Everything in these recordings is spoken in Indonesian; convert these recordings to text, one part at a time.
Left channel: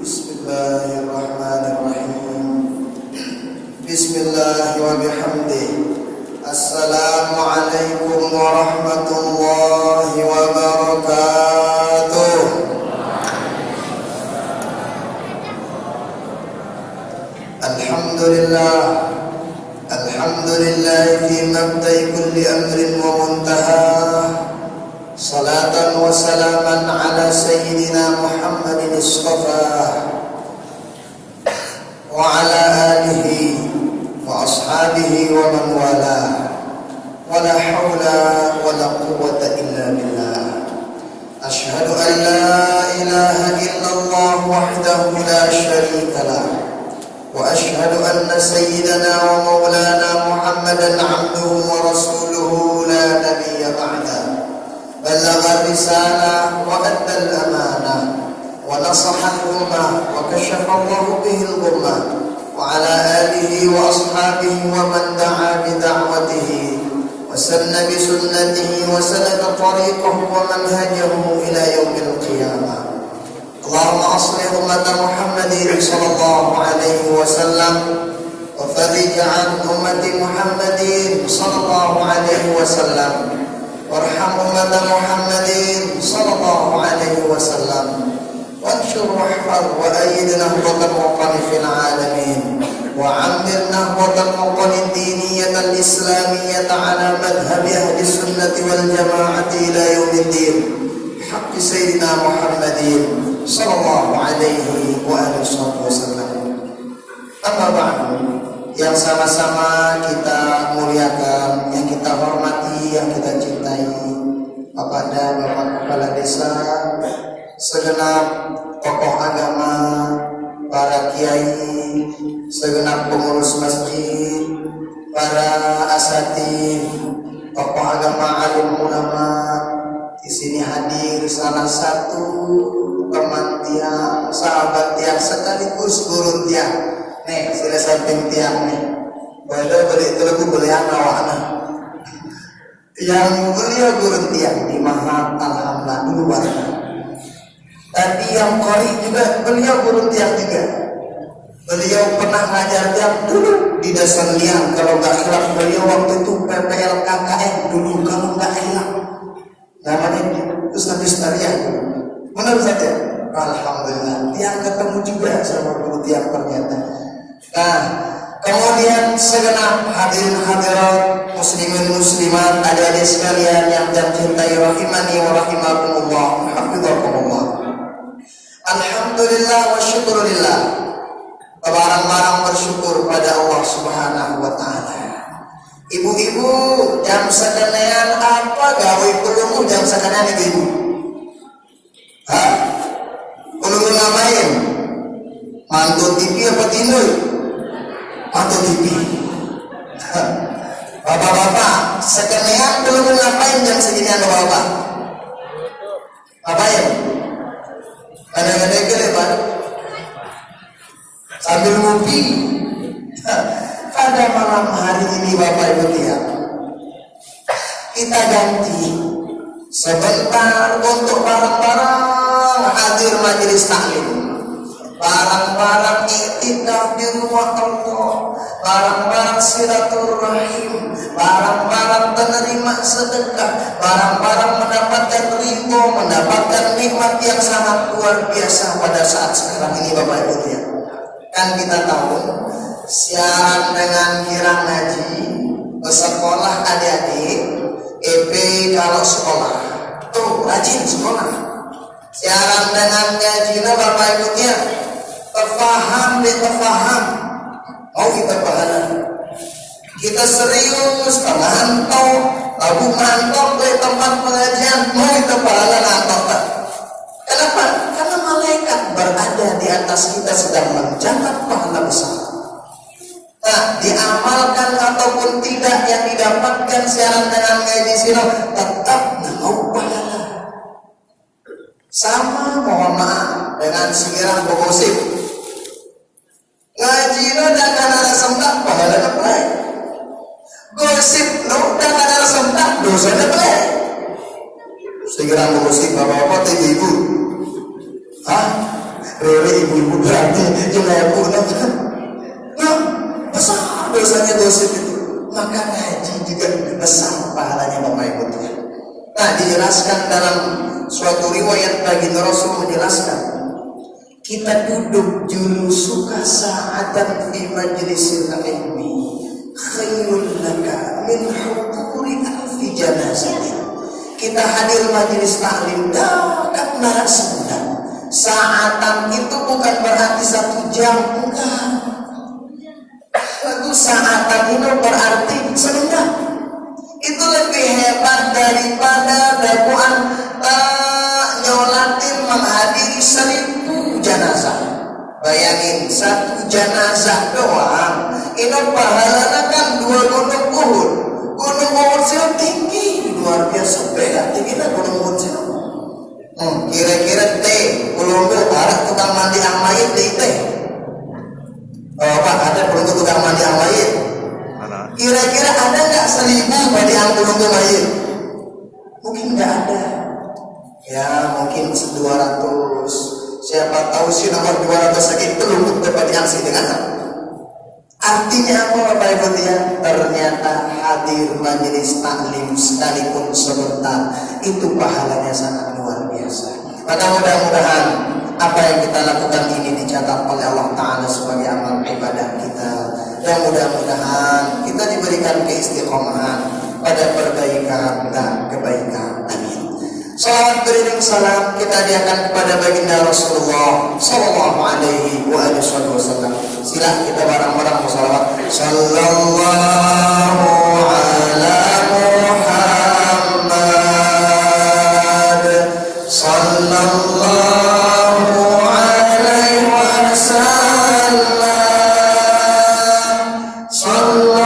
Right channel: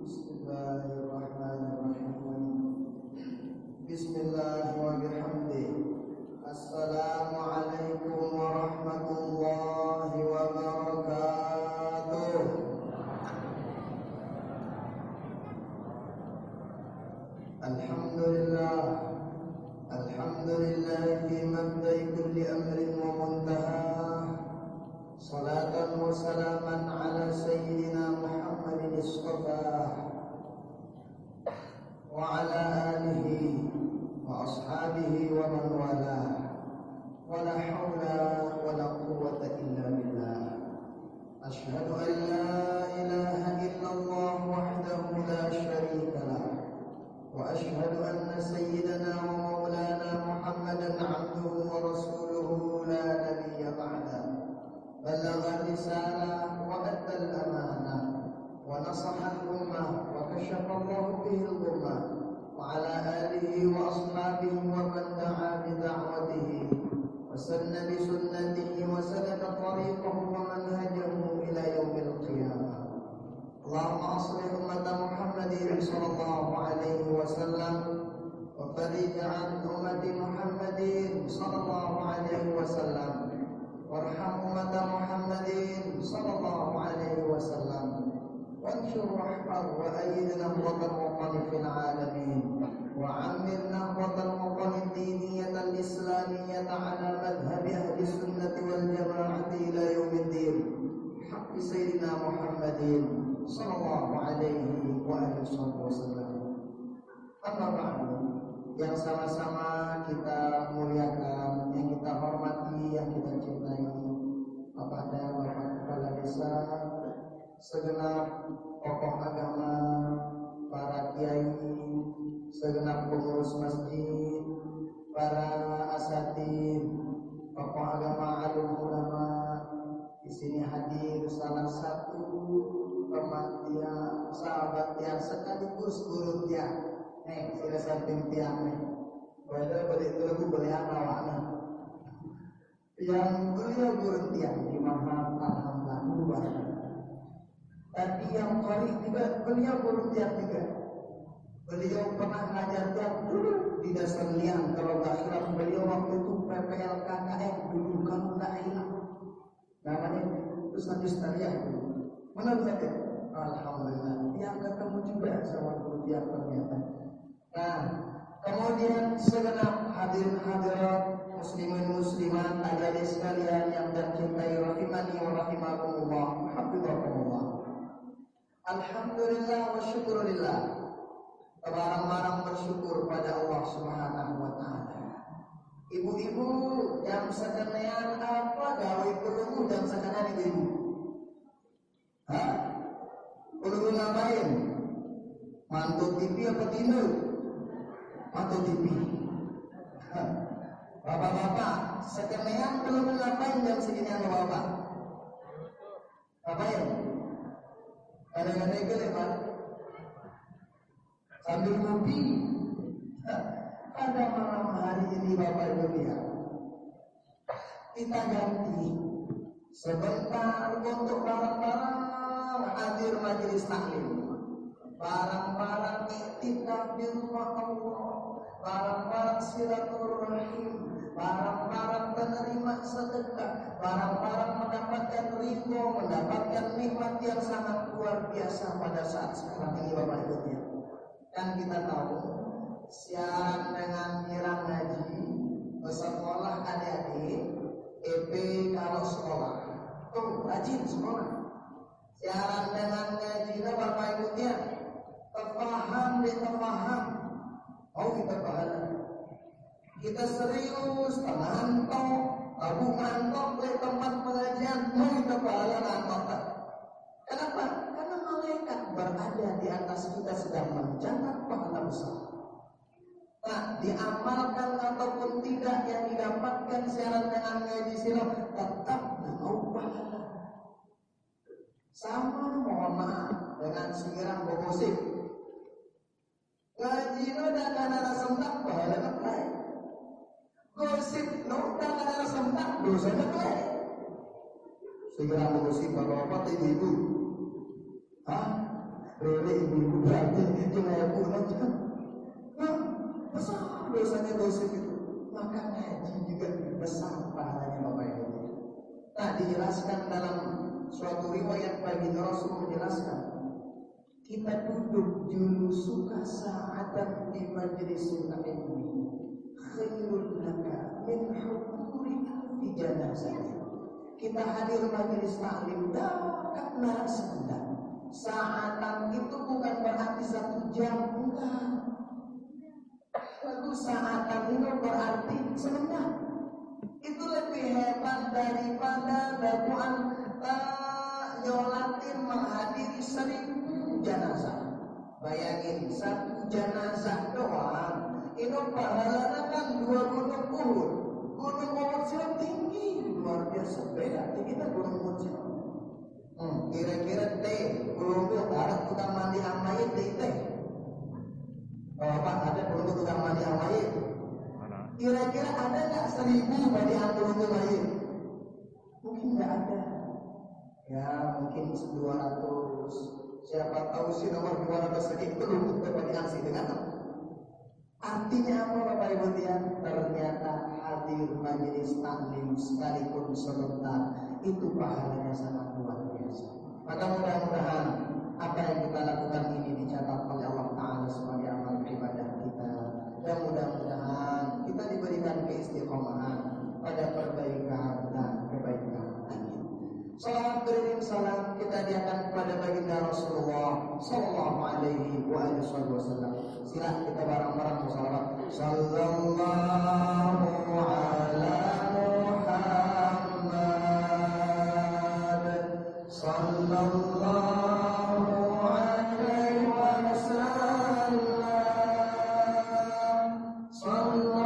Bismillahirrahmanirrahim. Bismillah wa bihamdih. Assalamualaikum warahmatullahi wabarakatuh. Alhamdulillah. Alhamdulillah fi mabda'i kulli amrin wa muntaha. Salatan wa salaman ala sayyidina Muhammadin istafa wa ala alihi wa ashabihi wa man wala wa la hawla wa la quwwata illa billah. Ashhadu an la ilaha illallah wahdahu la sharika lah wa ashhadu anna sayyidana wa maulana Muhammadan abduhu wa rasuluhu la nabiyya ba'da. بلغ الرسالة وأدى الأمانة ونصح الأمة وكشف الله به الغمة وعلى آله وأصحابه ومن دعا بدعوته وسن بسنته وسلك طريقه ومنهجه إلى يوم القيامة. اللهم أصلح أمة محمد صلى الله عليه وسلم وفرج عن أمة محمد صلى الله عليه وسلم وارحم أمة محمد صلى الله عليه وسلم وانشر واحفظ وأيد نهضة الوطن في العالمين وعمر نهضة الوطن الدينية الإسلامية على مذهب أهل السنة والجماعة إلى يوم الدين بحق سيدنا محمد صلى الله عليه وآله وسلم. أما بعد, yang sama-sama kita muliakan, yang kita hormati, yang kita cintai, Bapak dan Bapak Kepala Desa, segenap tokoh agama, para kiai, segenap pengurus masjid, para asatidz, tokoh agama, alim ulama. Di sini hadir salah satu teman tiang, sahabat tiang, sekaligus guru tiang. Nih, sila samping tiang nih. Boleh beli telugu beli anak-anak. Yang beliau guru tiang di Mahat alhamdulillah dulu warga. Tapi yang kori juga beliau guru tiang juga. Beliau pernah ngajar tiang dulu di dasar liang. Kalau nggak hilaf beliau waktu itu PPL KKN dulu kalau nggak hilaf. Namanya Ustaz Tarian. Benar saja. Alhamdulillah. Tiang ketemu juga sama guru tiang ternyata. Nah, kemudian segenap hadirin hadirat, muslimin muslimat, adik-adik sekalian yang tercintai rahimani wa rahimakumullah, hafizakumullah. Alhamdulillah wa syukurillah. Barang-barang bersyukur pada Allah Subhanahu wa taala. Ibu-ibu, jam sekenean apa gawe perlu jam sekenean ibu-ibu? Hah? Perlu ngapain? Mantu TV apa tindu? Mantu TV. Bapak-bapak, sekenean belum ngapain jam segini anda bapak? Ngapain? Kadang-kadang gede pak. Sambil ngopi. Pada malam hari ini bapak ibu tiang, kita ganti sebentar untuk barang-barang hadir majelis taklim. Barang-barang iktikaf di rumah Allah, barang-barang silaturahim, barang-barang penerima sedekah, barang-barang mendapatkan ridho, mendapatkan nikmat yang sangat luar biasa pada saat sekarang ini Bapak Ibu ya. Kan kita tahu siaran dengan kirang ngaji, sekolah adik-adik, EP kalau sekolah, tuh rajin sekolah. Siaran dengan ngajinya Bapak Ibu ya. Terpaham deh, terpaham. Mau kita pahala. Kita serius, mantau, lagu mantau ke tempat pengajian, mau kita pahala nantau tak? Kenapa? Karena malaikat berada di atas kita sedang mencatat pahala besar. Nah, diamalkan ataupun tidak yang didapatkan siaran dengan ngaji sino tetap mau pahala. Sama mohon maaf dengan siaran bergosip. Ngaji lo dah kan ada sempat pahala dapat. Gosip lo dah kan ada sempat dosa dapat. Segera mengusik bapak-bapak ibu. Hah? Rere ibu-ibu berarti yang pun nah, besar dosanya dosa itu. Maka ngaji juga besar pahalanya Bapak Ibu. Nah, dijelaskan dalam suatu riwayat baginda Rasul menjelaskan, kita duduk julusuka sa'atan fi majlisil ilmi khairul laka min huduri alfi janazatin. Kita hadir majelis taklim dekat narasumber. Saatan itu bukan berarti 1 jam, bukan. Itu saatan itu berarti sebentar. Itu lebih hebat daripada dakwaan nyolatin menghadiri 1000 jenazah. Bayangin 1 jenazah doang, ini pahalanya kan 2 gunung Uhud. Gunung Uhud itu tinggi, luar biasa. Beda tingginya gunung Uhud itu. Kira-kira teh, ulunggu ada tukang mandi ang mayit di teh. Oh Pak, ada ulunggu tukang mandi ang mayit. Kira-kira ada nggak 1000 mandi ang ulunggu mayit? Mungkin nggak ada. Ya mungkin 200. Siapa tahu sih nomor 200 sakit itu untuk dapat yang sih dengan. Artinya apa Bapak Ibu ya? Ternyata hadir majelis taklim sekalipun sebentar itu pahalanya sangat luar biasa. Maka mudah-mudahan apa yang kita lakukan ini dicatat oleh Allah Ta'ala sebagai amal ibadah kita. Dan mudah-mudahan kita diberikan keistiqomahan pada perbaikan dan kebaikan. Amin. Salawat beriring salam kita hadiahkan kepada baginda Rasulullah Sallallahu Alaihi Wasallam. Sila kita bareng-bareng bersalawat. Sallallahu ala Muhammad. Sallallahu alaihi wasallam. Sallallahu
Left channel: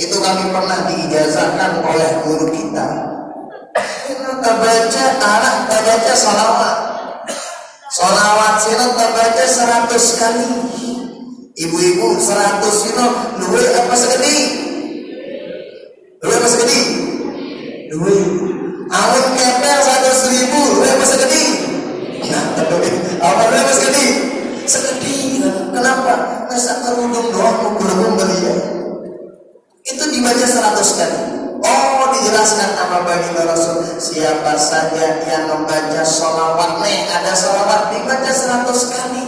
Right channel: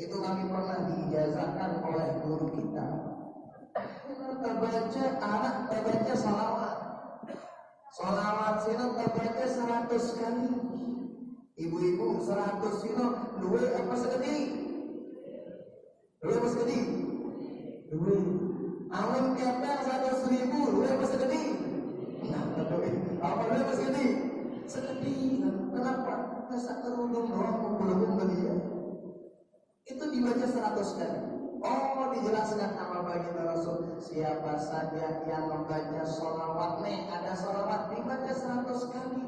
itu kami pernah diijazahkan oleh guru kita. Kita baca anak, kita baca salawat. Salawat sino kita baca 100 kali. Ibu-ibu 100 sino luwe apa segede? Luwe apa segede? Luwe. Awal kepel 100.000 luwe apa segede? Nah, awal luwe apa segede? Segede. Kenapa? Masa kerudung doang kerudung belia. Itu dibaca 100 kali. Oh, dijelaskan sama baginda Rasul, siapa saja yang membaca sholawat ada sholawat dibaca 100 kali,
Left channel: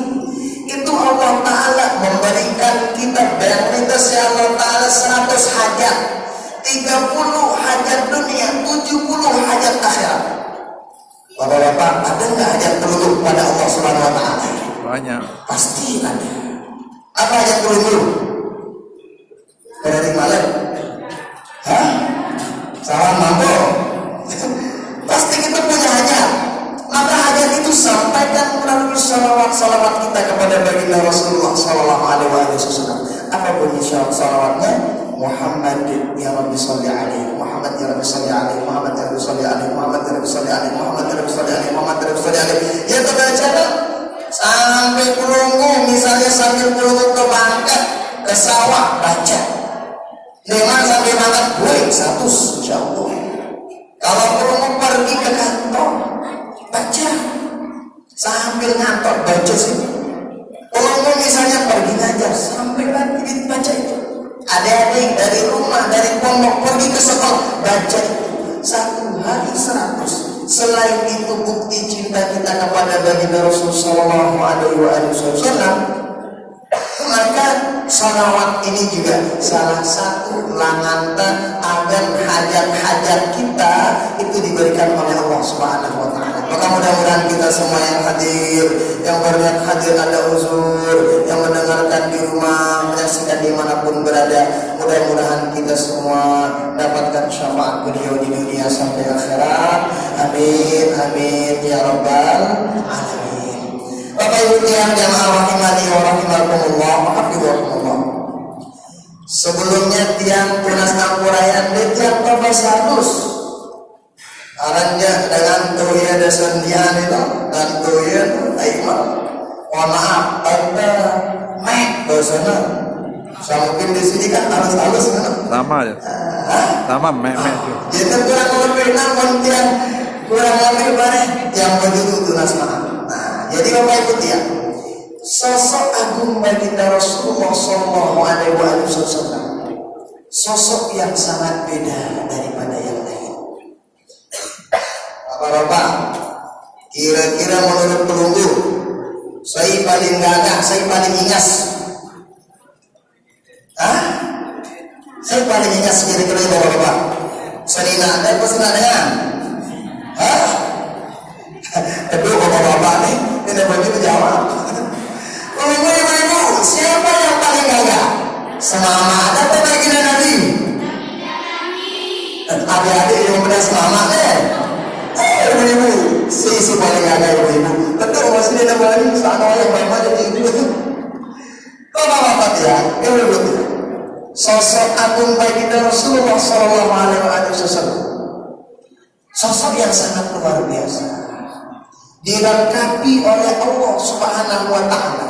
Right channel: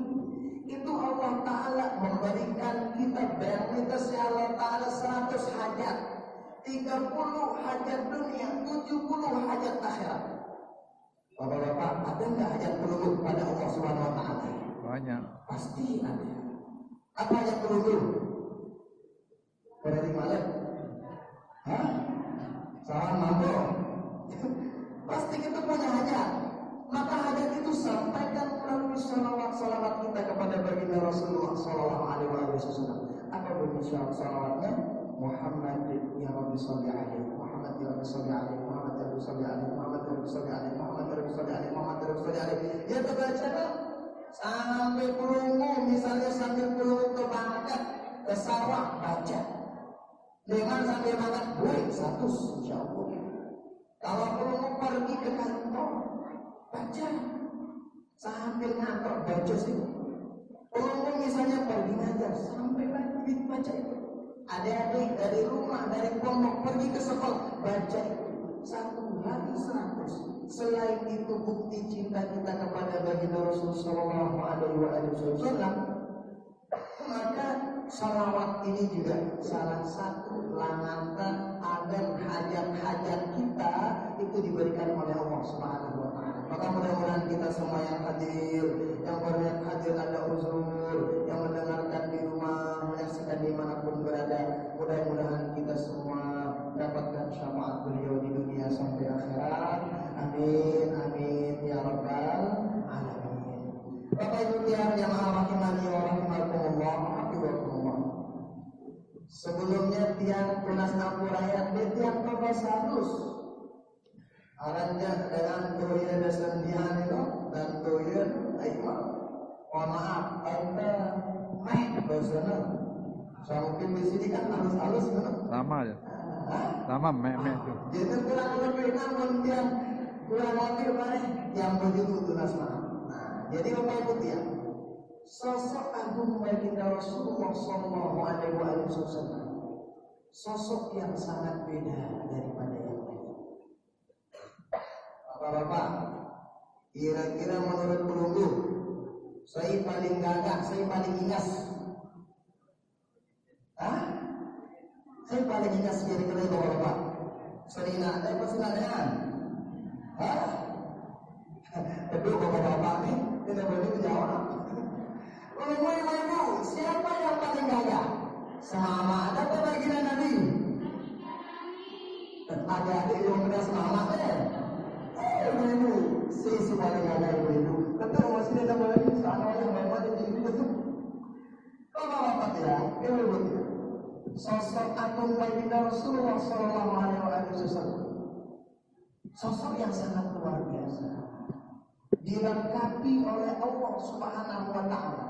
itu Allah Ta'ala memberikan kita benefit Allah Ta'ala 100 hajat, 30 hajat dunia, 70 hajat akhirat. Bapak-bapak, ada nggak hajat peluluh pada Allah Subhanahu Wa Ta'ala? Banyak. Pasti ada. Apa hajat peluluh? Dari malam, hah? Salam mampu. Pasti kita punya hajat. Maka hajat itu sampaikan melalui salawat kita kepada baginda Rasulullah Sallallahu Alaihi Wasallam. Apa bunyi salawatnya? Muhammad ya Rabbi salli alaihi, Muhammad ya Rabbi salli alaihi, Muhammad ya Rabbi salli alaihi, Muhammad ya Rabbi salli alaihi, Muhammad ya Rabbi salli alaihi, Muhammad ya Rabbi salli alaihi. Ya terbaca sampai pelunggu, misalnya sambil pelunggu ke Bangka, ke sawah baca. Memang sampai makan boleh 100 insya Allah. Kalau perlu pergi ke kantor baca sambil ngantor baca sih. Kalau misalnya pergi ngajar sampai lagi baca itu. Adik-adik dari rumah dari pondok pergi ke sekolah baca itu. 1 hari 100. Selain itu bukti cinta kita kepada baginda Rasulullah Sallallahu Alaihi Wasallam. Maka Sholawat ini juga salah satu langanta agar hajat-hajat kita itu diberikan oleh Allah Subhanahu wa Ta'ala. Maka mudah-mudahan kita semua yang hadir, yang berniat hadir ada uzur, yang mendengarkan di rumah, menyaksikan dimanapun berada, mudah-mudahan kita semua dapatkan syafaat beliau di dunia sampai akhirat. Amin, amin ya rabbal alamin. Bapak Ibu yang rahimani wa rahimakumullah, hafizahumullah. Sebelumnya tiang tunas ampurayan di tiang Babasanus aranja dengan tuya dasandian itu dan tuya aimah. Mohon maaf, ada mek dosana. Saya mungkin di sini kan halus-halus kan? Sama ya. Sama mek juga. Jadi kurang lebih namun tiang kurang lebih bareng yang begitu tunas maaf. Nah, jadi Bapak Ibu tiang, sosok agung baginda Rasulullah Shallallahu Alaihi Wasallam, sosok yang sangat beda daripada yang lain. Bapak-bapak, kira-kira menurut pelunggu, saya paling gagah, saya paling ingas. Saya paling ingas kira-kira bapak-bapak. Selina ada apa dengan? Kedua bapak-bapak nih, tidak boleh menjawab. Ibu, siapa yang paling gagah? Semama ada apa baginda Nabi? Adik-adik yang benar semama deh. Ibu, si paling gagah ibu. Betul masih tidak boleh sana yang memang jadi ibu. Bapak-bapak ya, ibu. Sosok agung baginda Rasulullah Sallallahu Alaihi Wasallam, sosok yang sangat luar biasa, dilengkapi oleh Allah Subhanahu Wa Taala.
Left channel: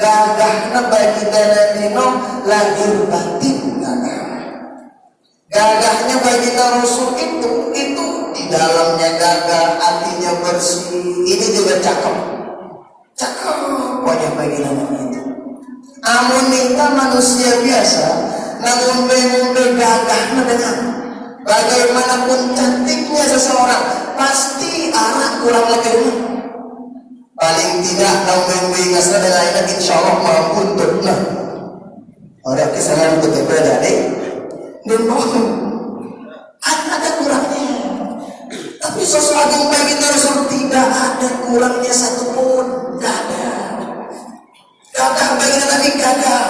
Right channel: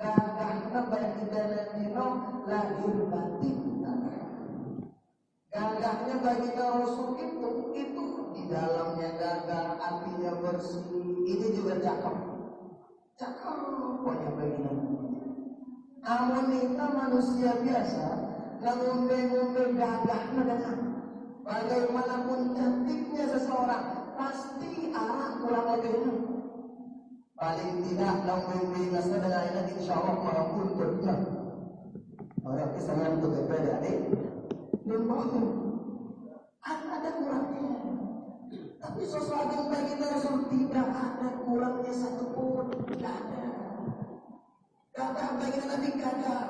Gagahna baginda Nabi lahir batin gagah. Gagahnya baginda Rasul itu di dalamnya gagah, hatinya bersih. Ini juga cakep wajah baginda Nabi itu. Amun minta manusia biasa, namun umbe gagahna dengan bagaimanapun cantiknya seseorang, pasti anak kurang lebih. Paling tidak namun ingat dengan ini insya Allah mampu untuk orang kesalahan untuk berbeda nih. Dan ada kurangnya. Tapi sosok agung baginda Rasul tidak ada kurangnya satupun, tidak ada. Gagah baginda Nabi gagah.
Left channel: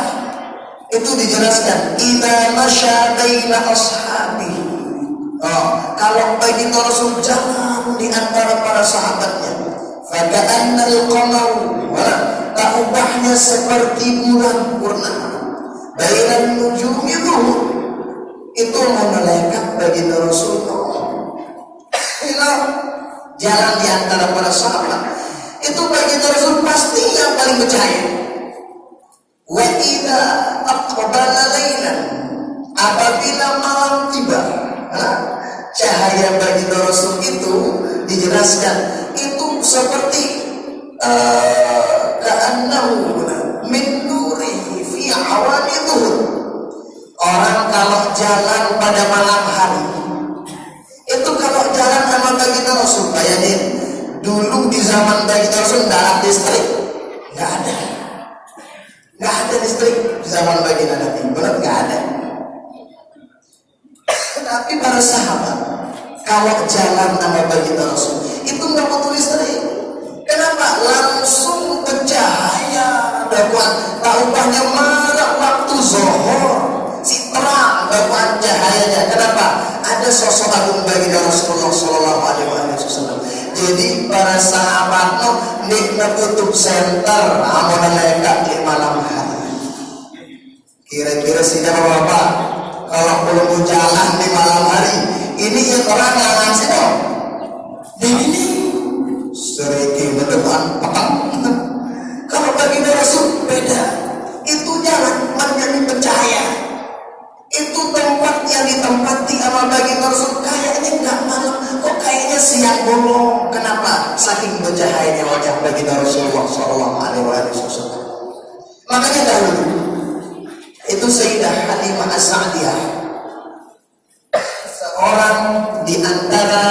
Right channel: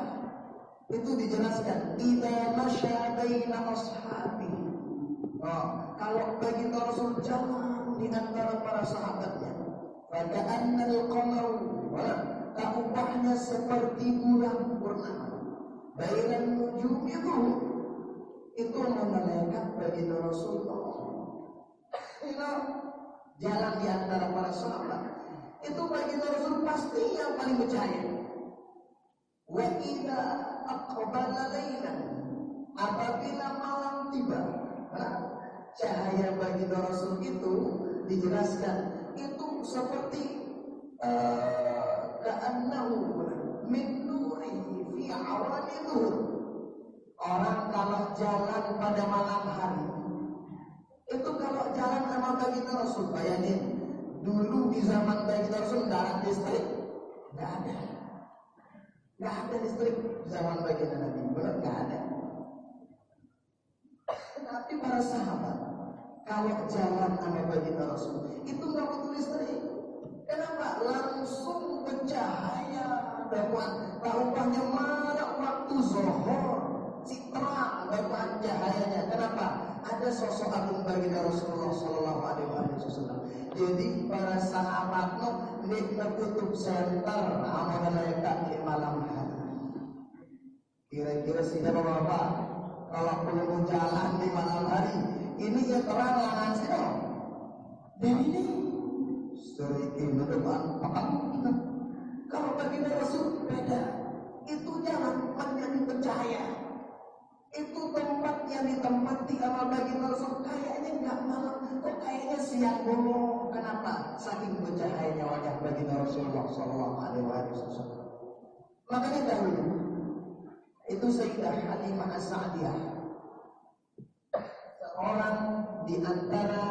Itu dijelaskan. Idza masya baina ashabi. Kalau baginda Rasul jalan di antara para sahabatnya, faka'annal qamar, ta'ubahnya seperti bulan purnama. Bainan nujumi itu malaikat baginda Rasul. Jalan di antara para sahabat, itu baginda Rasul pasti yang paling bercahaya. Wa idza aqbala lailan, apabila malam tiba, cahaya baginda Rasul itu dijelaskan itu seperti ka'annahu min nurihi fi awanihi. Orang kalau jalan pada malam hari, itu kalau jalan sama baginda Rasul, bayangin dulu di zaman baginda Rasul tidak ada listrik, nggak ada listrik di zaman baginda Nabi, benar nggak ada. Tapi para sahabat kalau jalan sama baginda Rasul itu nggak butuh listrik. Kenapa? Langsung bercahaya. Taubahnya marah waktu zuhur, si terang baguan cahayanya. Kenapa? Ada sosok agung baginda Rasulullah Sallallahu Alaihi Wasallam. Jadi para sahabat nikna kutub center amun mereka di malam hari. Kira-kira siapa bapak? Kalau belum jalan di malam hari, ini yang orang ngangan sih dong. Ini seriki berdepan petang. Kalau baginda Rasul beda, itu jalan menjadi bercahaya. Itu tempat yang ditempati sama baginda Rasul kayaknya nggak malam, kok kayaknya siang bolong. Kenapa? Saking bercahayanya wajah baginda Rasulullah Sallallahu Alaihi Wasallam. Makanya dahulu itu Sayyidah Halimah As-Sa'diyah, seorang di antara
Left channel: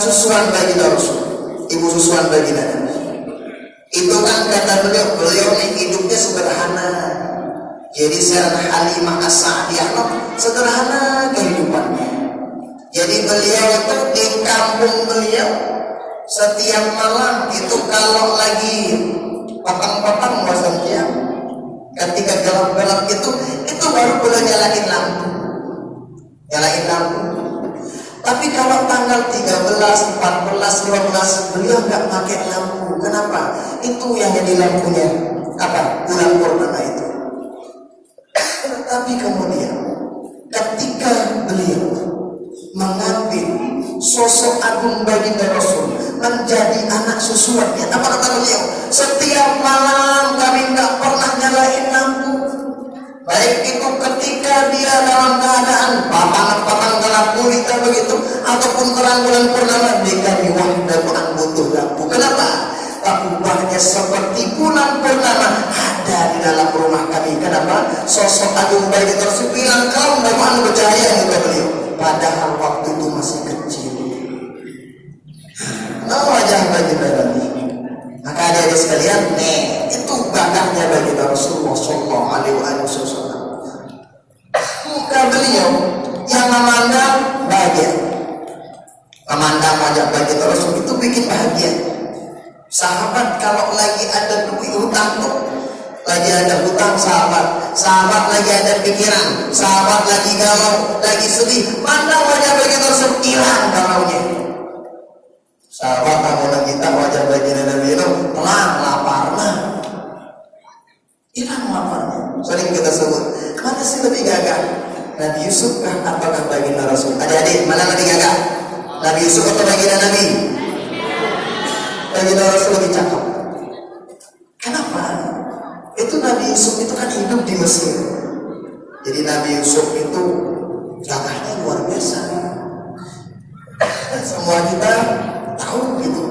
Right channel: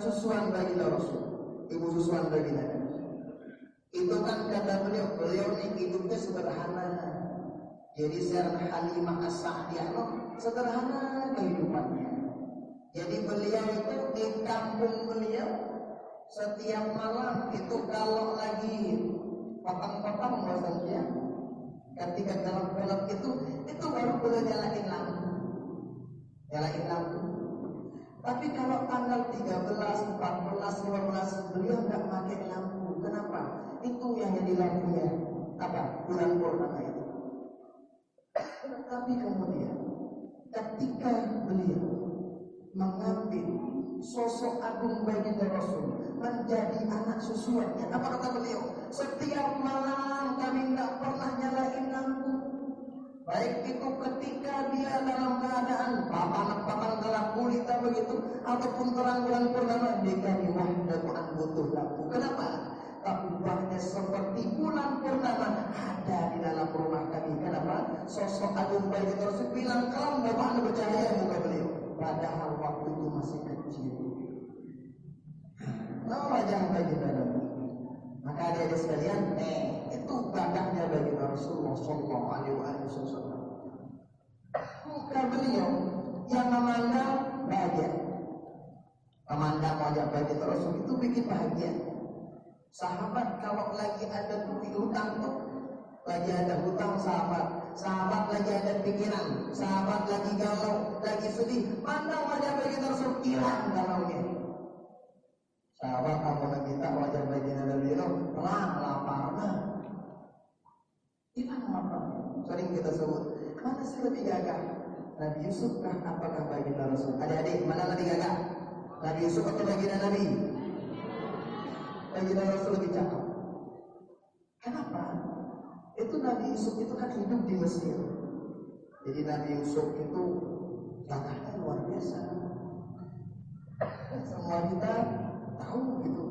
susuan baginda Rasul, ibu susuan baginda Nabi. Itu kan kata beliau hidupnya sederhana. Jadi Sayyidah Halimah As-Sa'diyah sederhana kehidupannya. Jadi beliau itu di kampung beliau setiap malam itu kalau lagi petang-petang bosan dia, ketika gelap-gelap itu baru beliau nyalain lampu. Tapi kalau tanggal 13, 14, 15 beliau nggak pakai lampu. Kenapa? Itu yang jadi lampunya apa? Bulan purnama itu. Tapi kemudian ketika beliau mengambil sosok agung baginda Rasul menjadi anak susuannya, apa kata beliau? Setiap malam kami nggak pernah nyalain lampu. Baik itu ketika dia dalam keadaan patang gelap gulita begitu, ataupun terang bulan purnama, dia kami wahdahan butuh lampu. Kenapa? Kubahnya seperti bulan purnama ada di dalam rumah kami. Kenapa? Sosok agung baginda Rasul bilang kau bagaimana bercahaya juga beliau. Padahal waktu itu masih kecil. Wajah baginda Nabi. Maka ada sekalian, itu bakatnya baginda Rasulullah Sallallahu Alaihi Wasallam. Muka beliau yang memandang bahagia, memandang wajah baginda Rasul itu bikin bahagia. Sahabat kalau lagi ada duit hutang tuh, lagi ada hutang sahabat lagi ada pikiran, sahabat lagi galau, lagi sedih, pandang wajah baginda Rasul hilang galaunya. Sahabat kamu lagi tak wajah baginda Nabi itu tenang, lapar, hilang laparnya. Sering kita sebut, mana sih lebih gagah? Nabi Yusuf kah apakah baginda Rasul? Adik-adik, mana lebih gagah? Nabi Yusuf atau baginda Nabi? Baginda Rasul lebih cakep. Kenapa? Itu Nabi Yusuf itu kan hidup di Mesir. Jadi Nabi Yusuf itu gagahnya luar biasa. Dan semua kita tahu gitu.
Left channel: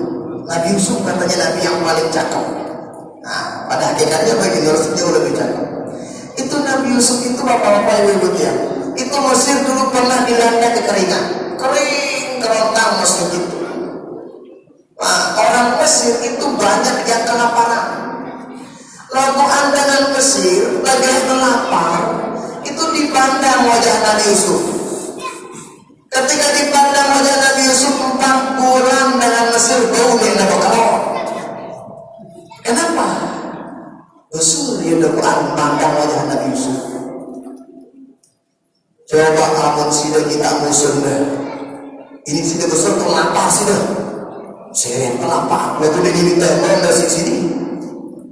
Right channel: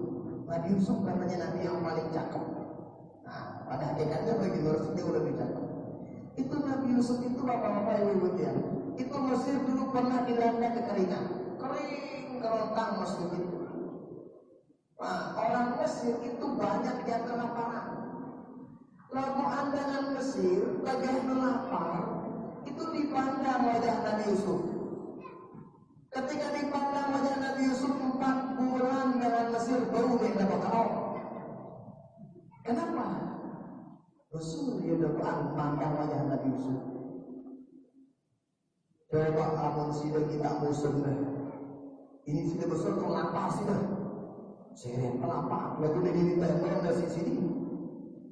Nabi Yusuf katanya Nabi yang paling cakep. Nah, pada hakikatnya baginda Rasul jauh lebih cakep. Itu Nabi Yusuf itu bapak-bapak ibu-ibu ya. Itu Mesir dulu pernah dilanda kekeringan. Kering kerontang Mesir itu. Nah, orang Mesir itu banyak yang kelaparan. Lalu dengan Mesir lagi lapar, itu dipandang wajah Nabi Yusuf. Ketika dipandang wajah Nabi Yusuf 4 bulan dengan Mesir bau dia nak kalau. Kenapa? Rasul dia Quran pandang wajah Nabi Yusuf. Coba amun sudah kita musuh dah. Ini sudah besar terlapar sudah. Saya terlapar. Lalu dia diminta orang dari sini.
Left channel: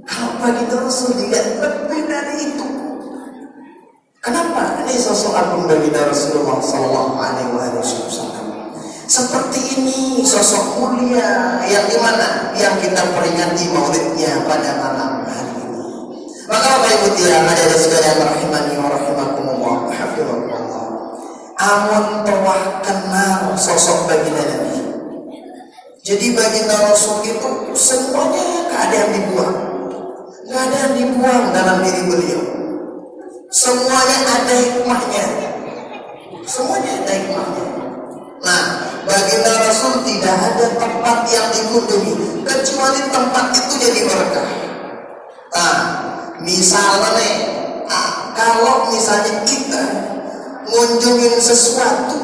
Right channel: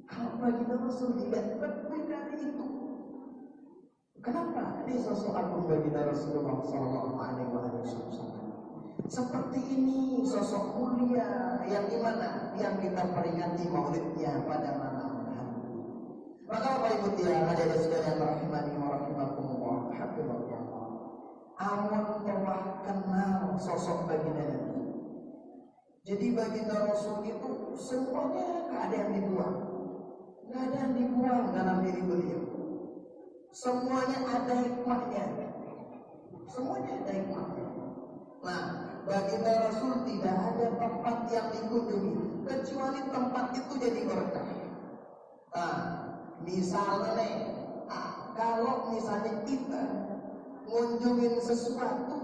Kalau baginda Rasul dilihat lebih dari itu. Kenapa? Ini sosok agung baginda Rasulullah Sallallahu Alaihi Wasallam. Seperti ini sosok mulia yang dimana yang kita peringati maulidnya pada malam hari ini. Maka Bapak Ibu yang ada di sekalian rahimani wa rahimakumullah, hafizahullah. Amun telah kenal sosok baginda Nabi. Jadi baginda Rasul itu semuanya gak ada yang dibuang. Gak ada yang dibuang dalam diri beliau. Semuanya ada hikmahnya. Semuanya ada hikmahnya. Nah, baginda Rasul tidak ada tempat yang dikunjungi kecuali tempat itu jadi berkah. Nah, misalnya nih, kalau misalnya kita ngunjungin sesuatu,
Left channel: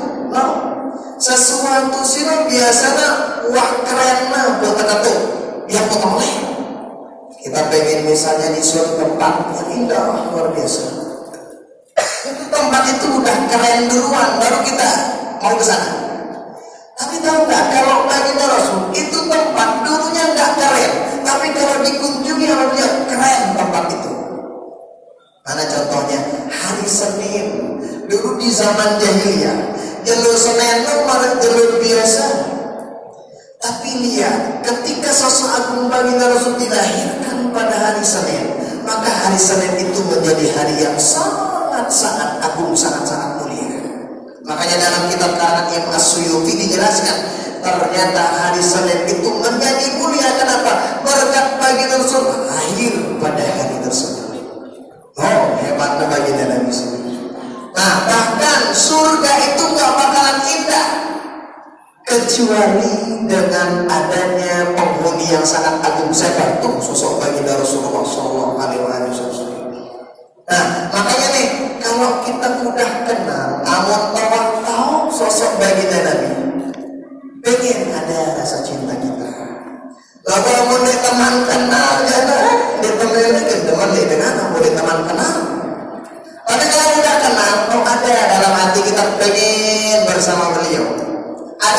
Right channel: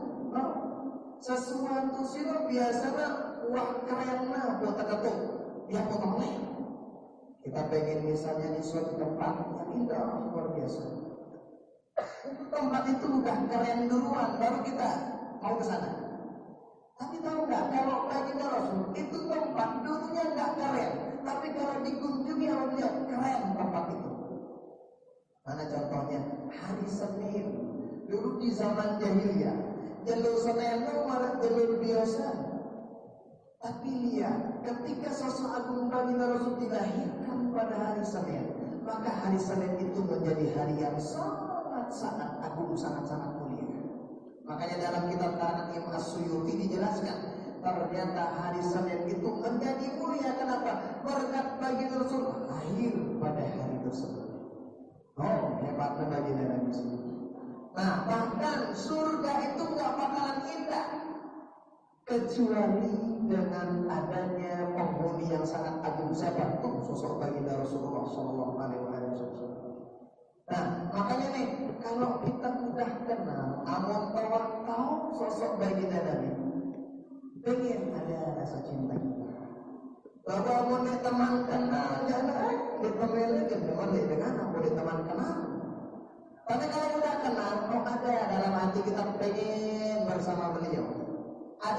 sesuatu sih biasanya wah keren buat kata yang potongnya. Kita pengen misalnya di suatu tempat yang indah luar biasa. Itu tempat itu udah keren duluan, baru kita mau ke sana. Tapi tahu nggak kalau baginda Rasul itu tempat dulunya nggak keren, tapi kalau dikunjungi sama dia keren tempat itu. Mana contohnya? Hari Senin dulu di zaman jahiliyah, jalur Senin itu malah jalur biasa. Tapi lihat, ketika sosok agung baginda Rasul dilahirkan pada hari Senin, maka hari Senin itu menjadi hari yang sangat agung, sangat mulia. Makanya dalam kitab karangan Imam As-Suyuti dijelaskan, ternyata hari Senin itu menjadi mulia. Kenapa? Berkat baginda Rasul lahir pada hari tersebut. Oh, hebatnya baginda Nabi sendiri. Nah, bahkan surga itu gak bakalan indah kecuali dengan adanya penghuni yang sangat agung. Saya bantu sosok baginda Rasulullah Sallallahu Alaihi Wasallam. Nah,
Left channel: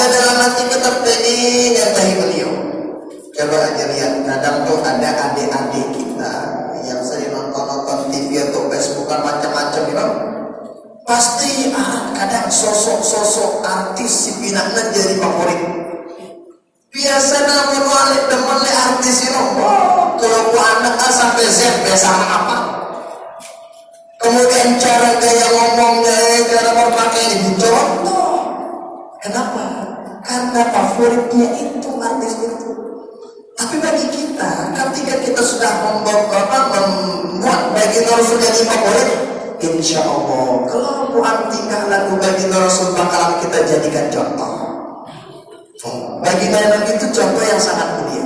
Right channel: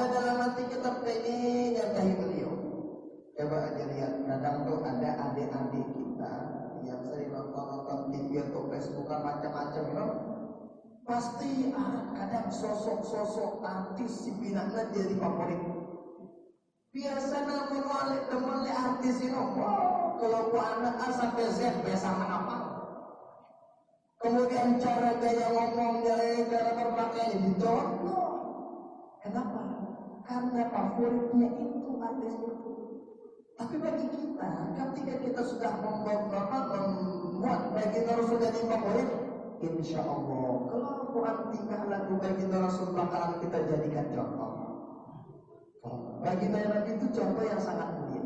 dalam hati kita pengen nyatahi beliau. Coba aja lihat, kadang tuh ada adik-adik kita yang sering nonton TV atau Facebook macam-macam, pasti kadang sosok-sosok artis si pinakna jadi favorit. Biasa namun walik teman le artis kalau anak A sampai Z biasa apa. Kemudian cara gaya ngomongnya, cara berpakaian dicontoh. Kenapa? Karena favoritnya itu artis itu. Tapi bagi kita, ketika kita sudah membuat bagi Rasul jadi favorit, insya Allah kelakuan tingkah laku bagi Rasul bakalan kita jadikan contoh. Bagi Nabi itu contoh yang sangat mulia.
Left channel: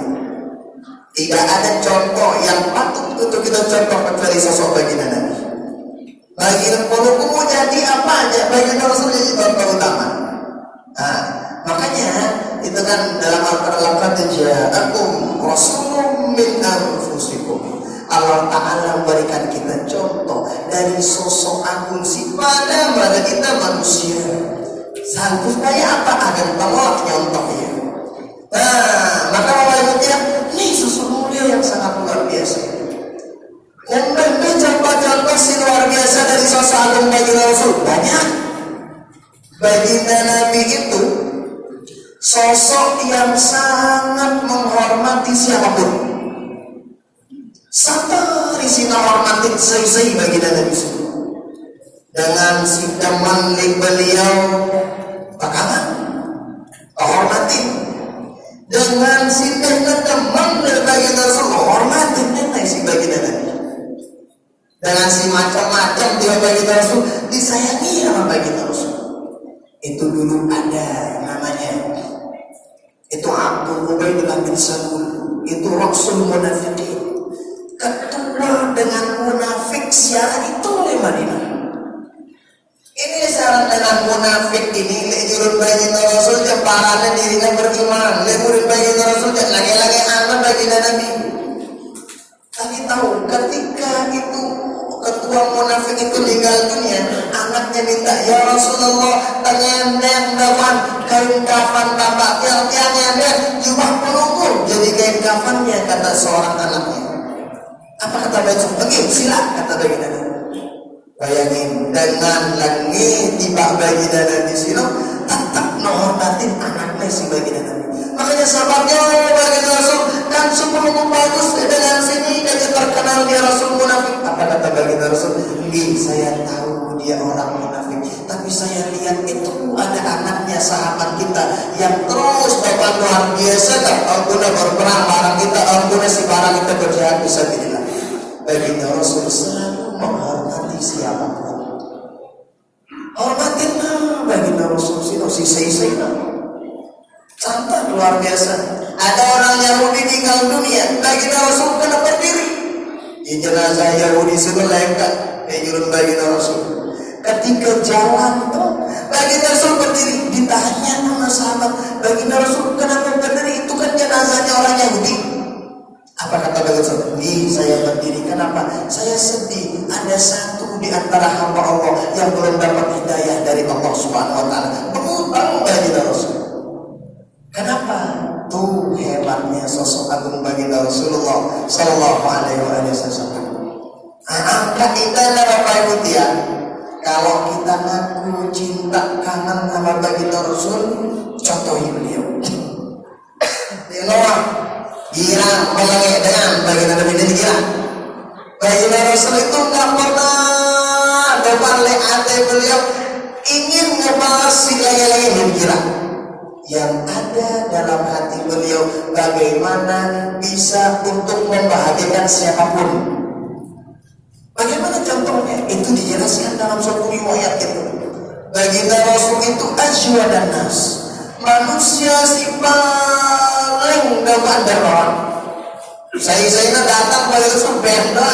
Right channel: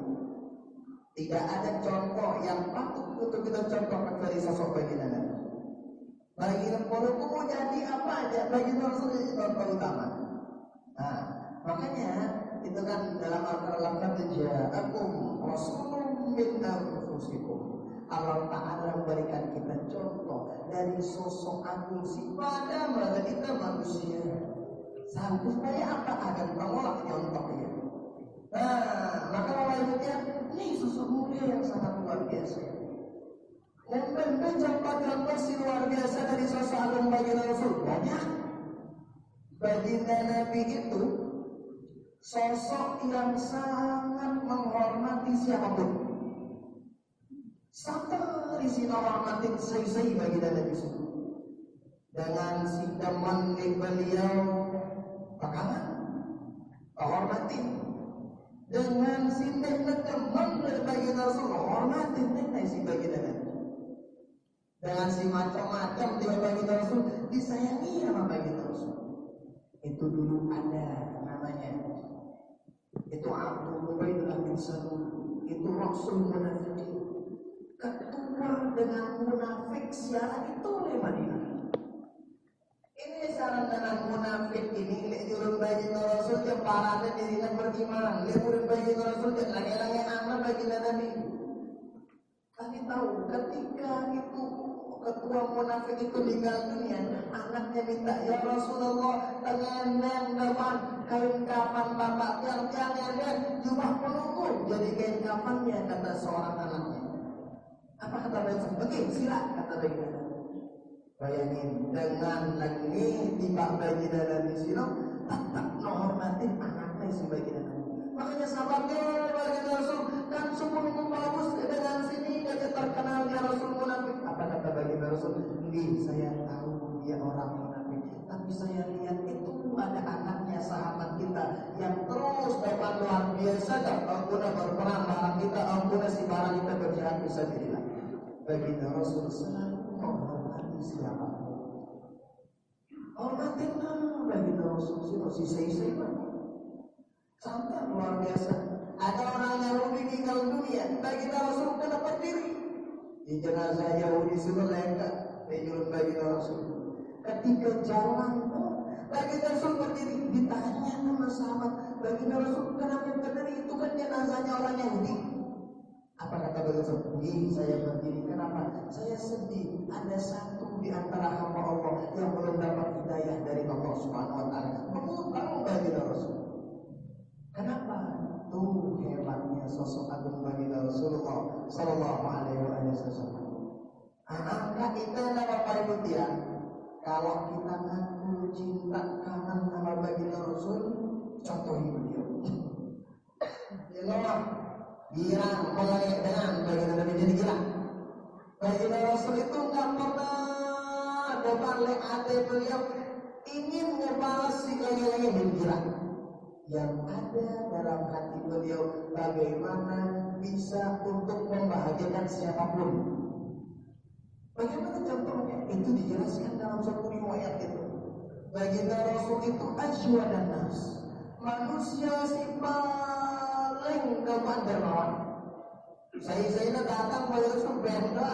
Tidak ada contoh yang patut untuk kita contoh kecuali sosok bagi Nabi. Bagi Nabi mau jadi apa aja, bagi Rasul jadi contoh utama. Nah, makanya itu kan dalam Al-Quran ja'akum rasulun min anfusikum. Allah Ta'ala memberikan kita contoh dari sosok agung pada kita manusia. Supaya apa? Agar Allah nyontohnya. Nah, maka wajibnya ini sosok mulia yang sangat luar biasa. Dan contoh-contoh si luar biasa dari sosok agung bagi Rasul banyak. Baginda Nabi itu sosok yang sangat menghormati siapapun. Sampai risina hormatin saya baginda Nabi semua. Dengan si teman beliau bakalan hormatin. Dengan si teman baginda Rasul hormatin si baginda Nabi. Dengan si macam-macam dia baginda Rasul disayangi sama baginda Rasul. Itu dulu ada namanya, itu Abdul Ubaidillah bin Salul, itu Rasul Munafiqin, ketua dengan munafik siara itu oleh Madinah. Ini syarat dengan munafik ini lejurun bagi Rasul jemparane dirinya beriman, lemurin bagi Rasul lagi-lagi anak bagi Nabi. Tapi tahu ketika itu ketua munafik itu meninggal dunia, anaknya minta, ya Rasulullah, tanya yang dapat kain kafan bapak tiang-tiangnya jubah penunggu jadi kain kafannya, kata seorang anaknya. Apa kata Rasul? Oke, silakan kata baginda Nabi. Bayangin dengan langit tiba baginda Nabi sino tetap menghormatin anaknya si baginda Nabi. Makanya sahabatnya baginda Rasul kan sebelum bagus dengan sini dan terkenal dia Rasul munafik. Apa kata baginda Rasul? Saya tahu dia orang munafik, tapi saya lihat itu ada anaknya sahabat kita yang terus bapak luar biasa tak guna berperang barang kita, guna si barang kita berjihad bisa bila. Baginda Rasul selalu menghormati siapapun. Hormatin baginda Rasul si sei santai luar biasa. Ada orang Yahudi meninggal dunia, baginda Rasul kena berdiri. Di jenazah Yahudi sebelengkat ejurun baginda Rasul. Ketika jalan tuh baginda Rasul berdiri. Ditanya sama sahabat, baginda Rasul kenapa berdiri? Itu kan jenazahnya orang Yahudi. Apa kata baginda Rasul? Saya berdiri kenapa? Saya sedih ada satu di antara hamba Allah yang belum dapat hidayah dari Allah Subhanahu wa taala. Berutang baginda Rasul. Kenapa? Tuh hebatnya sosok agung baginda Rasulullah sallallahu alaihi wasallam. Angkat kita lah Bapak Ibu ya. Kalau kita ngaku cinta kangen sama baginda Rasul, contohi beliau. Dia girang melengek dengan baginda Nabi dan girang. Baginda Rasul itu nggak pernah depan leade beliau ingin ngebahas si lagi-lagi yang girang. Yang ada dalam hati beliau bagaimana bisa untuk membahagiakan siapapun. Bagaimana contohnya? Itu dijelaskan dalam suatu riwayat itu. Baginda Rasul itu ajwadan nas, manusia si paling depan dermawan. Saya datang bagi Rasul benda.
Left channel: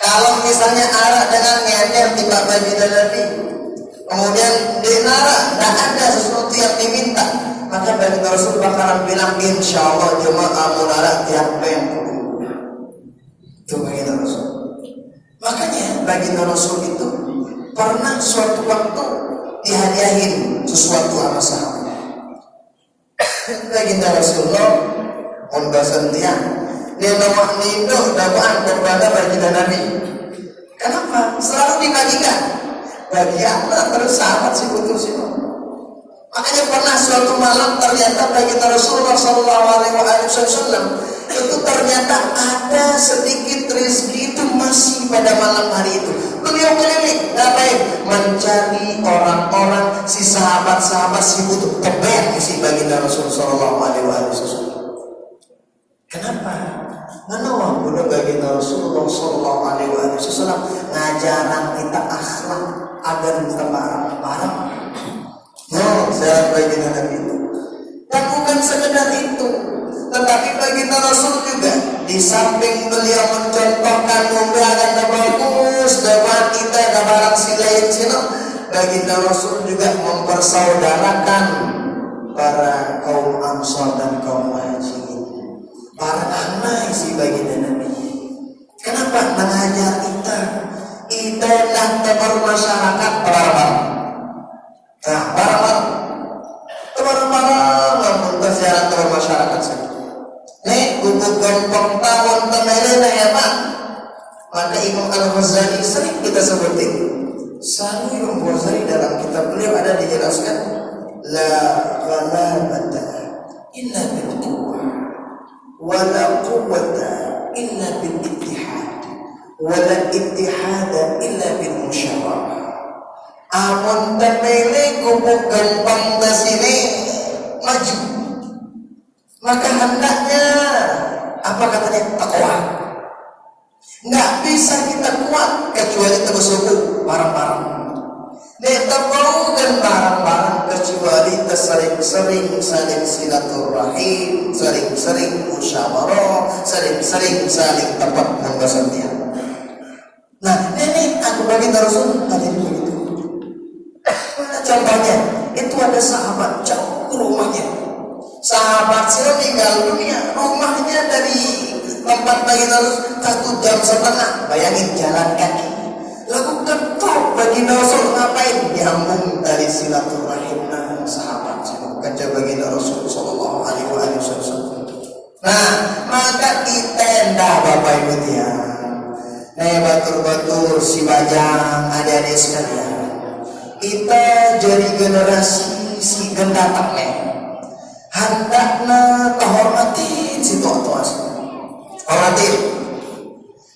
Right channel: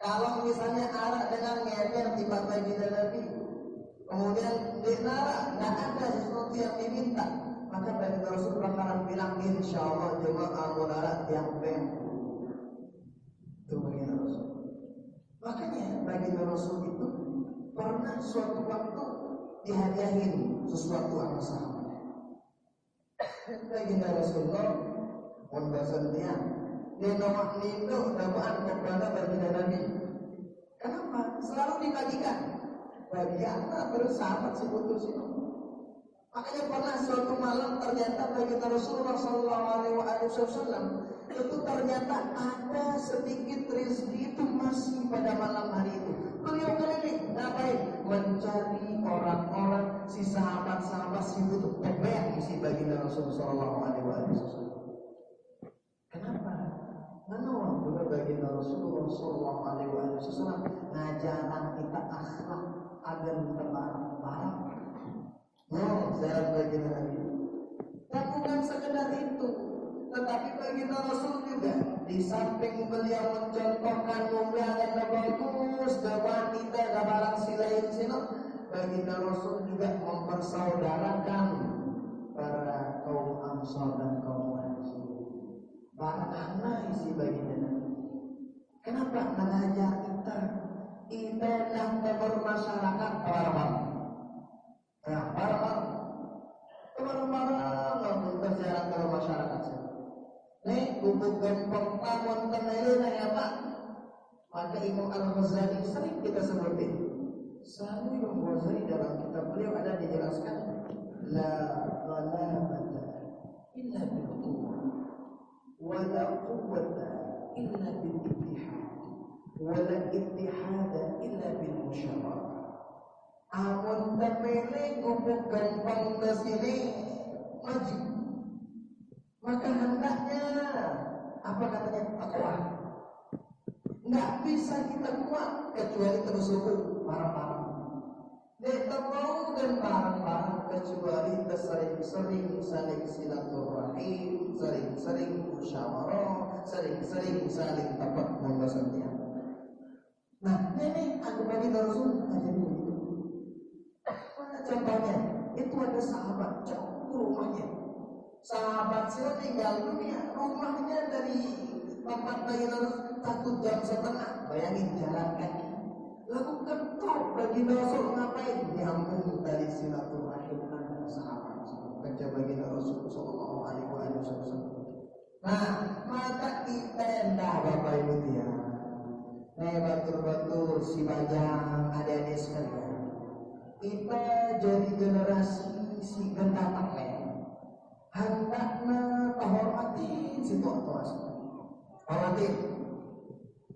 Kalau misalnya arah dengan nyender tiba baginda Nabi, kemudian dinara tidak ada sesuatu yang diminta, maka baginda Rasul bakalan bilang insya Allah jemaah munara tiap yang itu baginda Rasul. Makanya baginda Rasul itu pernah suatu waktu dihadiahin sesuatu sama sahabat. baginda Rasulullah on basantian dia nama nindo dakwaan kepada baginda Nabi. Kenapa? Selalu dibagikan bagi anak terus sahabat si putus itu. Makanya pernah suatu malam ternyata baginda Rasulullah Sallallahu Alaihi Wasallam itu ternyata ada sedikit rezeki itu masih pada malam hari itu. Beliau keliling, ngapain? Mencari orang-orang si sahabat-sahabat si butuh tebet si baginda Rasulullah Sallallahu Alaihi Wasallam. Kenapa? Mana budak baginda Rasulullah Sallallahu Alaihi Wasallam ngajaran kita akhlak agar kita barang-barang. No, saya baginda Nabi itu. Dan bukan sekedar itu, tetapi baginda Rasul juga di samping beliau mencontohkan membedakan bagus dapat kita barang silain sino, baginda Rasul juga mempersaudarakan para kaum Ansar dan kaum Muhajirin, para anak si baginda Nabi. Kenapa mengajar kita nak bermasyarakat barang-barang. Nah, barang-barang namun berziarah ke masyarakat sini. Nih, untuk gampang tahun temelena ya Pak. Maka Imam Al-Ghazali sering kita sebutin. Selalu Imam Ghazali dalam kitab beliau ada dijelaskan la ghalabata illa bil quwwah wa la quwwata illa bil ittihad wa la ittihada illa bil musyawarah. Amun temele kumpul gampang di sini maju, maka hendaknya apa katanya takwa. Nggak bisa kita kuat kecuali tersuku barang-barang. Kita mau dan barang-barang kecuali tersering-sering saling silaturahim, sering-sering musyawarah, sering-sering saling tepat membasantian. Nah, ini aku bagi Rasul tadi begitu. Contohnya, itu ada sahabat jauh rumahnya. Sahabat sila tinggal dunia, rumahnya dari tempat baginda Rasul 1,5 jam. Bayangin jalan kaki. Lalu ketok baginda Rasul ngapain? Nyambung dari silaturahim dan sahabat sila. Kaca baginda Rasul Sallallahu Alaihi Wasallam. Nah, maka kita ndak Bapak Ibu dia. Batur-batur si bajang adik-adik sekalian. Kita jadi generasi si gendatak hendaknya kehormatin si tua-tua. Hormatin.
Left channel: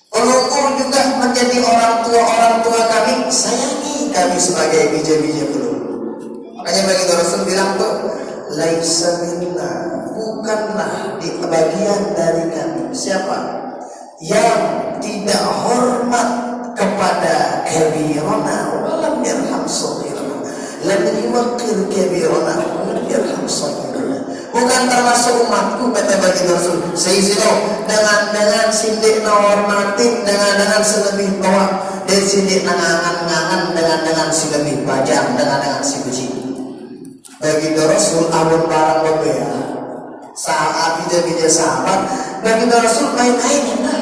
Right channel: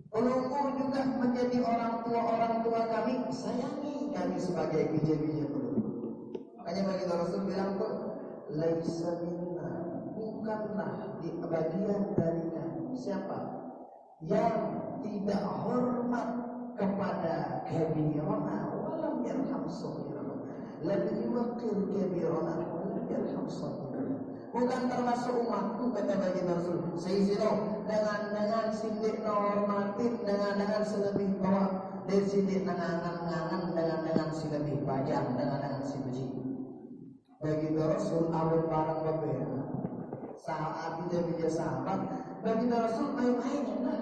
Pelukung juga menjadi orang tua kami, sayangi kami sebagai bija-bija belum. Makanya baginda Rasul bilang tuh, laisa minna, bukanlah di bagian dari kami. Siapa? Yang tidak hormat kepada kabirana walam yarham saghirana, lam yuqir kabirana walam yarham saghirana. Bukan termasuk umatku kata baginda Rasul. Sayyidina dengan sindik hormatin dengan selebih tua dan sindik nangan dengan selebih bajang dengan si biji. Baginda Rasul abun barang berbeda. Saat bija-bija sahabat, baginda Rasul main-main enak.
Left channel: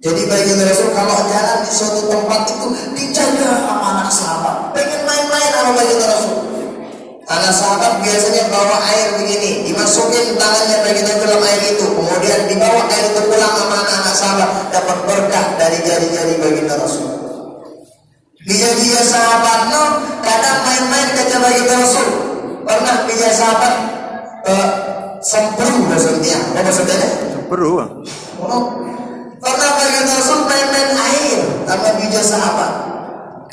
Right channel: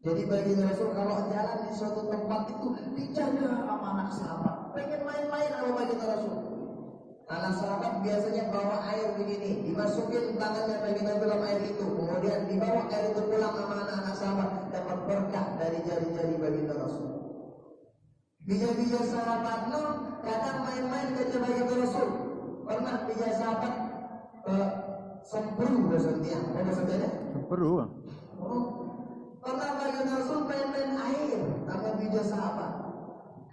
Jadi baginda Rasul kalau jalan di suatu tempat itu dijaga sama anak sahabat. Pengen main-main sama baginda Rasul. Anak sahabat biasanya bawa air begini, dimasukin tangannya baginda dalam air itu, kemudian dibawa air itu pulang sama anak sahabat, dapat berkah dari jari-jari baginda Rasul. Bija-bija sahabat no, kadang main-main ke baginda Rasul. Pernah bija sahabat sempru maksudnya, apa maksudnya? Sempru. Pernah baginda Rasul main-main air sama bija sahabat.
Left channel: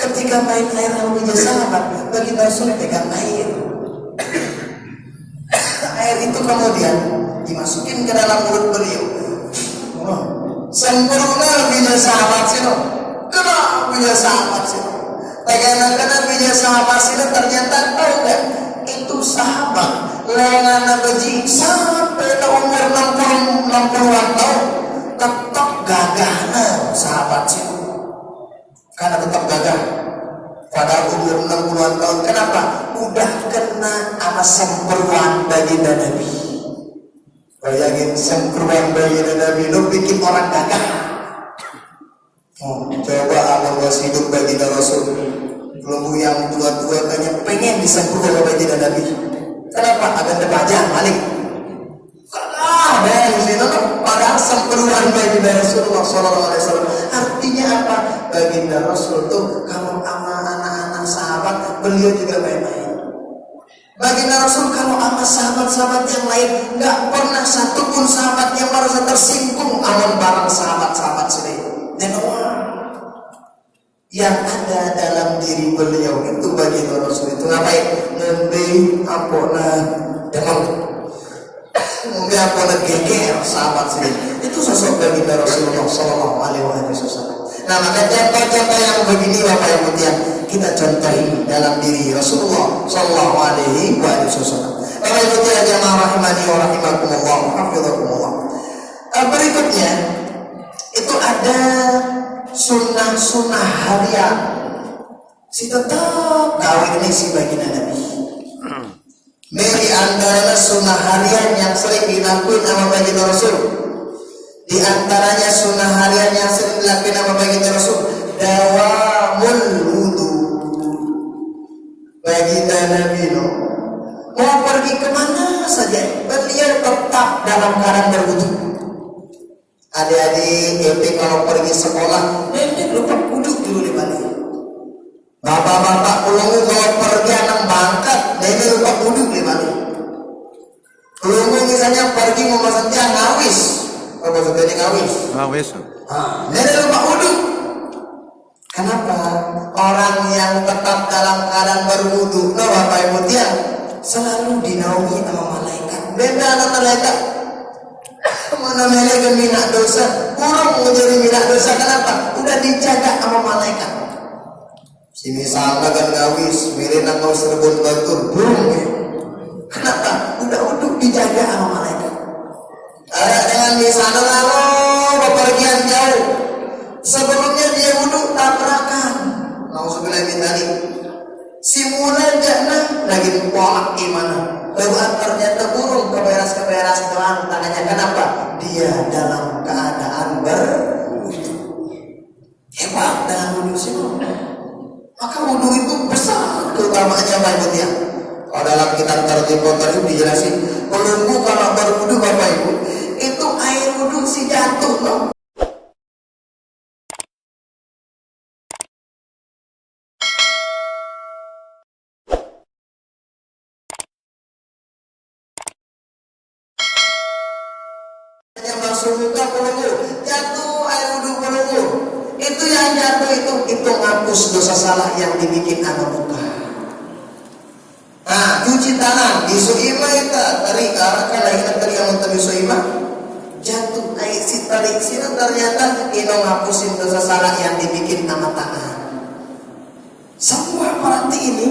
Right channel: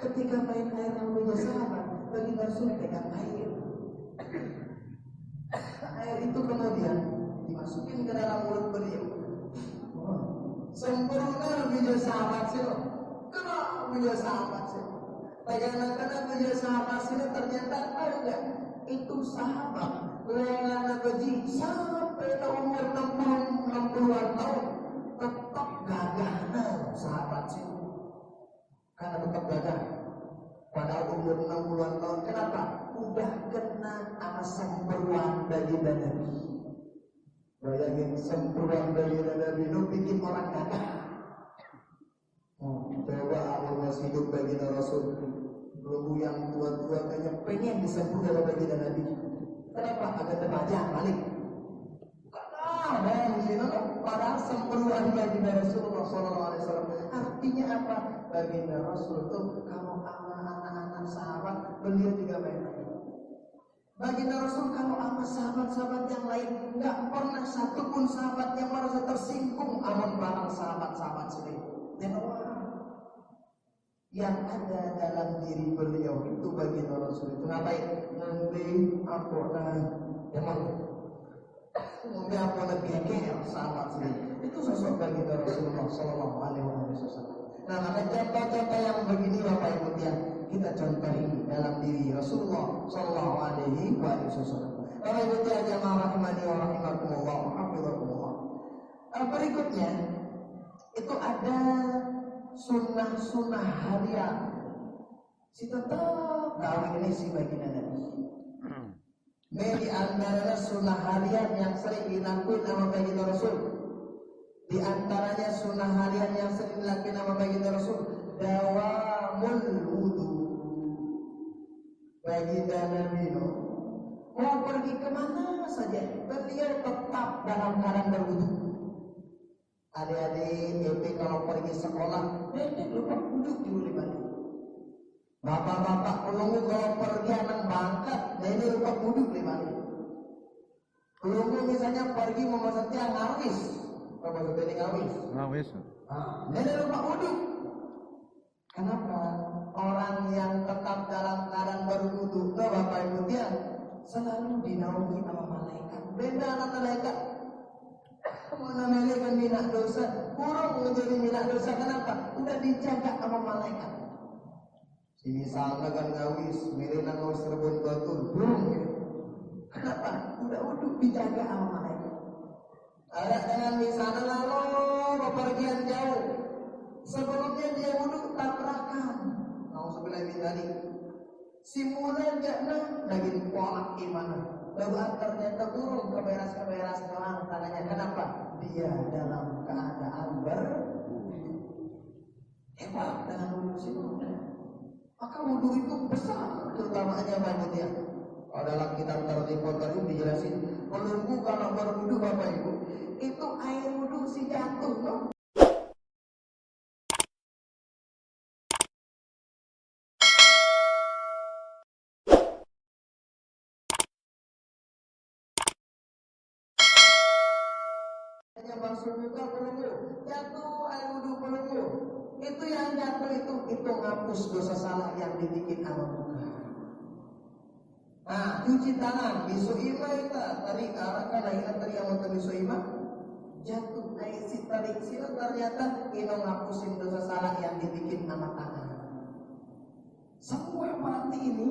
Ketika main air sama bija sahabat, baginda Rasul pegang air. Air itu kemudian dimasukin ke dalam mulut beliau. Sempurna bija sahabat sini. Kena bija sahabat sini. Karena bija sahabat sini ternyata tahu gak? Itu sahabat lengan beji sampai umur 60-an tahun tetap gagahnya sahabat sih. Karena tetap gagah pada umur 60-an tahun. Kenapa? Udah kena sama sempruan baginda Nabi. Bayangin sempruan baginda Nabi itu bikin orang gagah. Coba amal masih hidup baginda Rasul. Kelompok yang tua-tua kayaknya pengen disempruan oleh baginda Nabi. Kenapa? Agar terbaca balik. Dari sini padahal sempurna baginda Rasulullah SAW. Artinya apa? Baginda Rasul tuh kalau sama anak-anak sahabat beliau juga baik-baik. Baginda Rasul kalau sama sahabat-sahabat yang lain nggak pernah satupun sahabat yang merasa tersinggung aman barang sahabat-sahabat sendiri. Dan yang ada dalam diri beliau itu baginda Rasul itu ngapain? Nembe ampona demam. Mungkin apa geger sahabat sendiri itu sosok baginda Rasulullah Sallallahu Alaihi Wasallam. Nah maka contoh-contoh yang begini Bapak Ibu yang kita contohi dalam diri Rasulullah Sallallahu Alaihi Wasallam. Bapak Ibu yang jamaah rahimani wa rahimakumullah, hafizakumullah. Berikutnya itu ada sunnah-sunnah harian. Si tetap kawin ini si baginda Nabi. Di antara sunnah harian yang sering dilakukan sama baginda Rasul. Di antaranya sunnah harian yang sering dilakukan sama baginda Rasul, dawamul wudu. Baginda Nabi mau pergi kemana saja, beliau tetap dalam keadaan berwudu. Adik-adik, kalau pergi sekolah, nenek lupa wudu dulu di mana. Bapak-bapak ulungu kalau pergi anak bangkat, nenek lupa wudu di mana. Ulungu misalnya pergi mau masak ngawis, apa maksudnya ngawis? Ngawis. Nenek lupa wudu. Kenapa? Orang yang tetap dalam keadaan berwudu, Bapak Ibu tiang, selalu dinaungi sama malaikat. Beda anak malaikat. Mana malaikat minat dosa, burung menjadi minat dosa. Kenapa? Udah dijaga sama malaikat. Si misalnya kan ngawis, mirina kau serbun batur, burung ya. Kenapa? Udah untuk dijaga sama malaikat. Ada dengan misalnya lalu bepergian jauh, sebelumnya dia wudhu tabrakan. Nauzubillah min dzalik. Si mulai jana lagi polak gimana? Lalu ternyata burung keberas doang tangannya. Kenapa? Dia dalam keadaan berwudhu. Hebat dengan wudhu sih. Maka wudhu itu besar keutamaannya Bapak Ibu ya. Kalau dalam kitab Targhib wa Tarhib dijelasin, pelunggu kalau berwudhu Bapak Ibu, itu air wudhu si jatuh loh. Yang masuk muka pelunggu, jatuh air wudhu pelunggu. Itu yang jatuh itu ngapus dosa salah yang dibikin sama muka. Nah, cuci tangan di suima itu tarik kalau kita tarik yang tarik suima jatuh air si tarik sini ternyata ino ngapusin dosa salah yang dibikin sama tangan. Semua berarti ini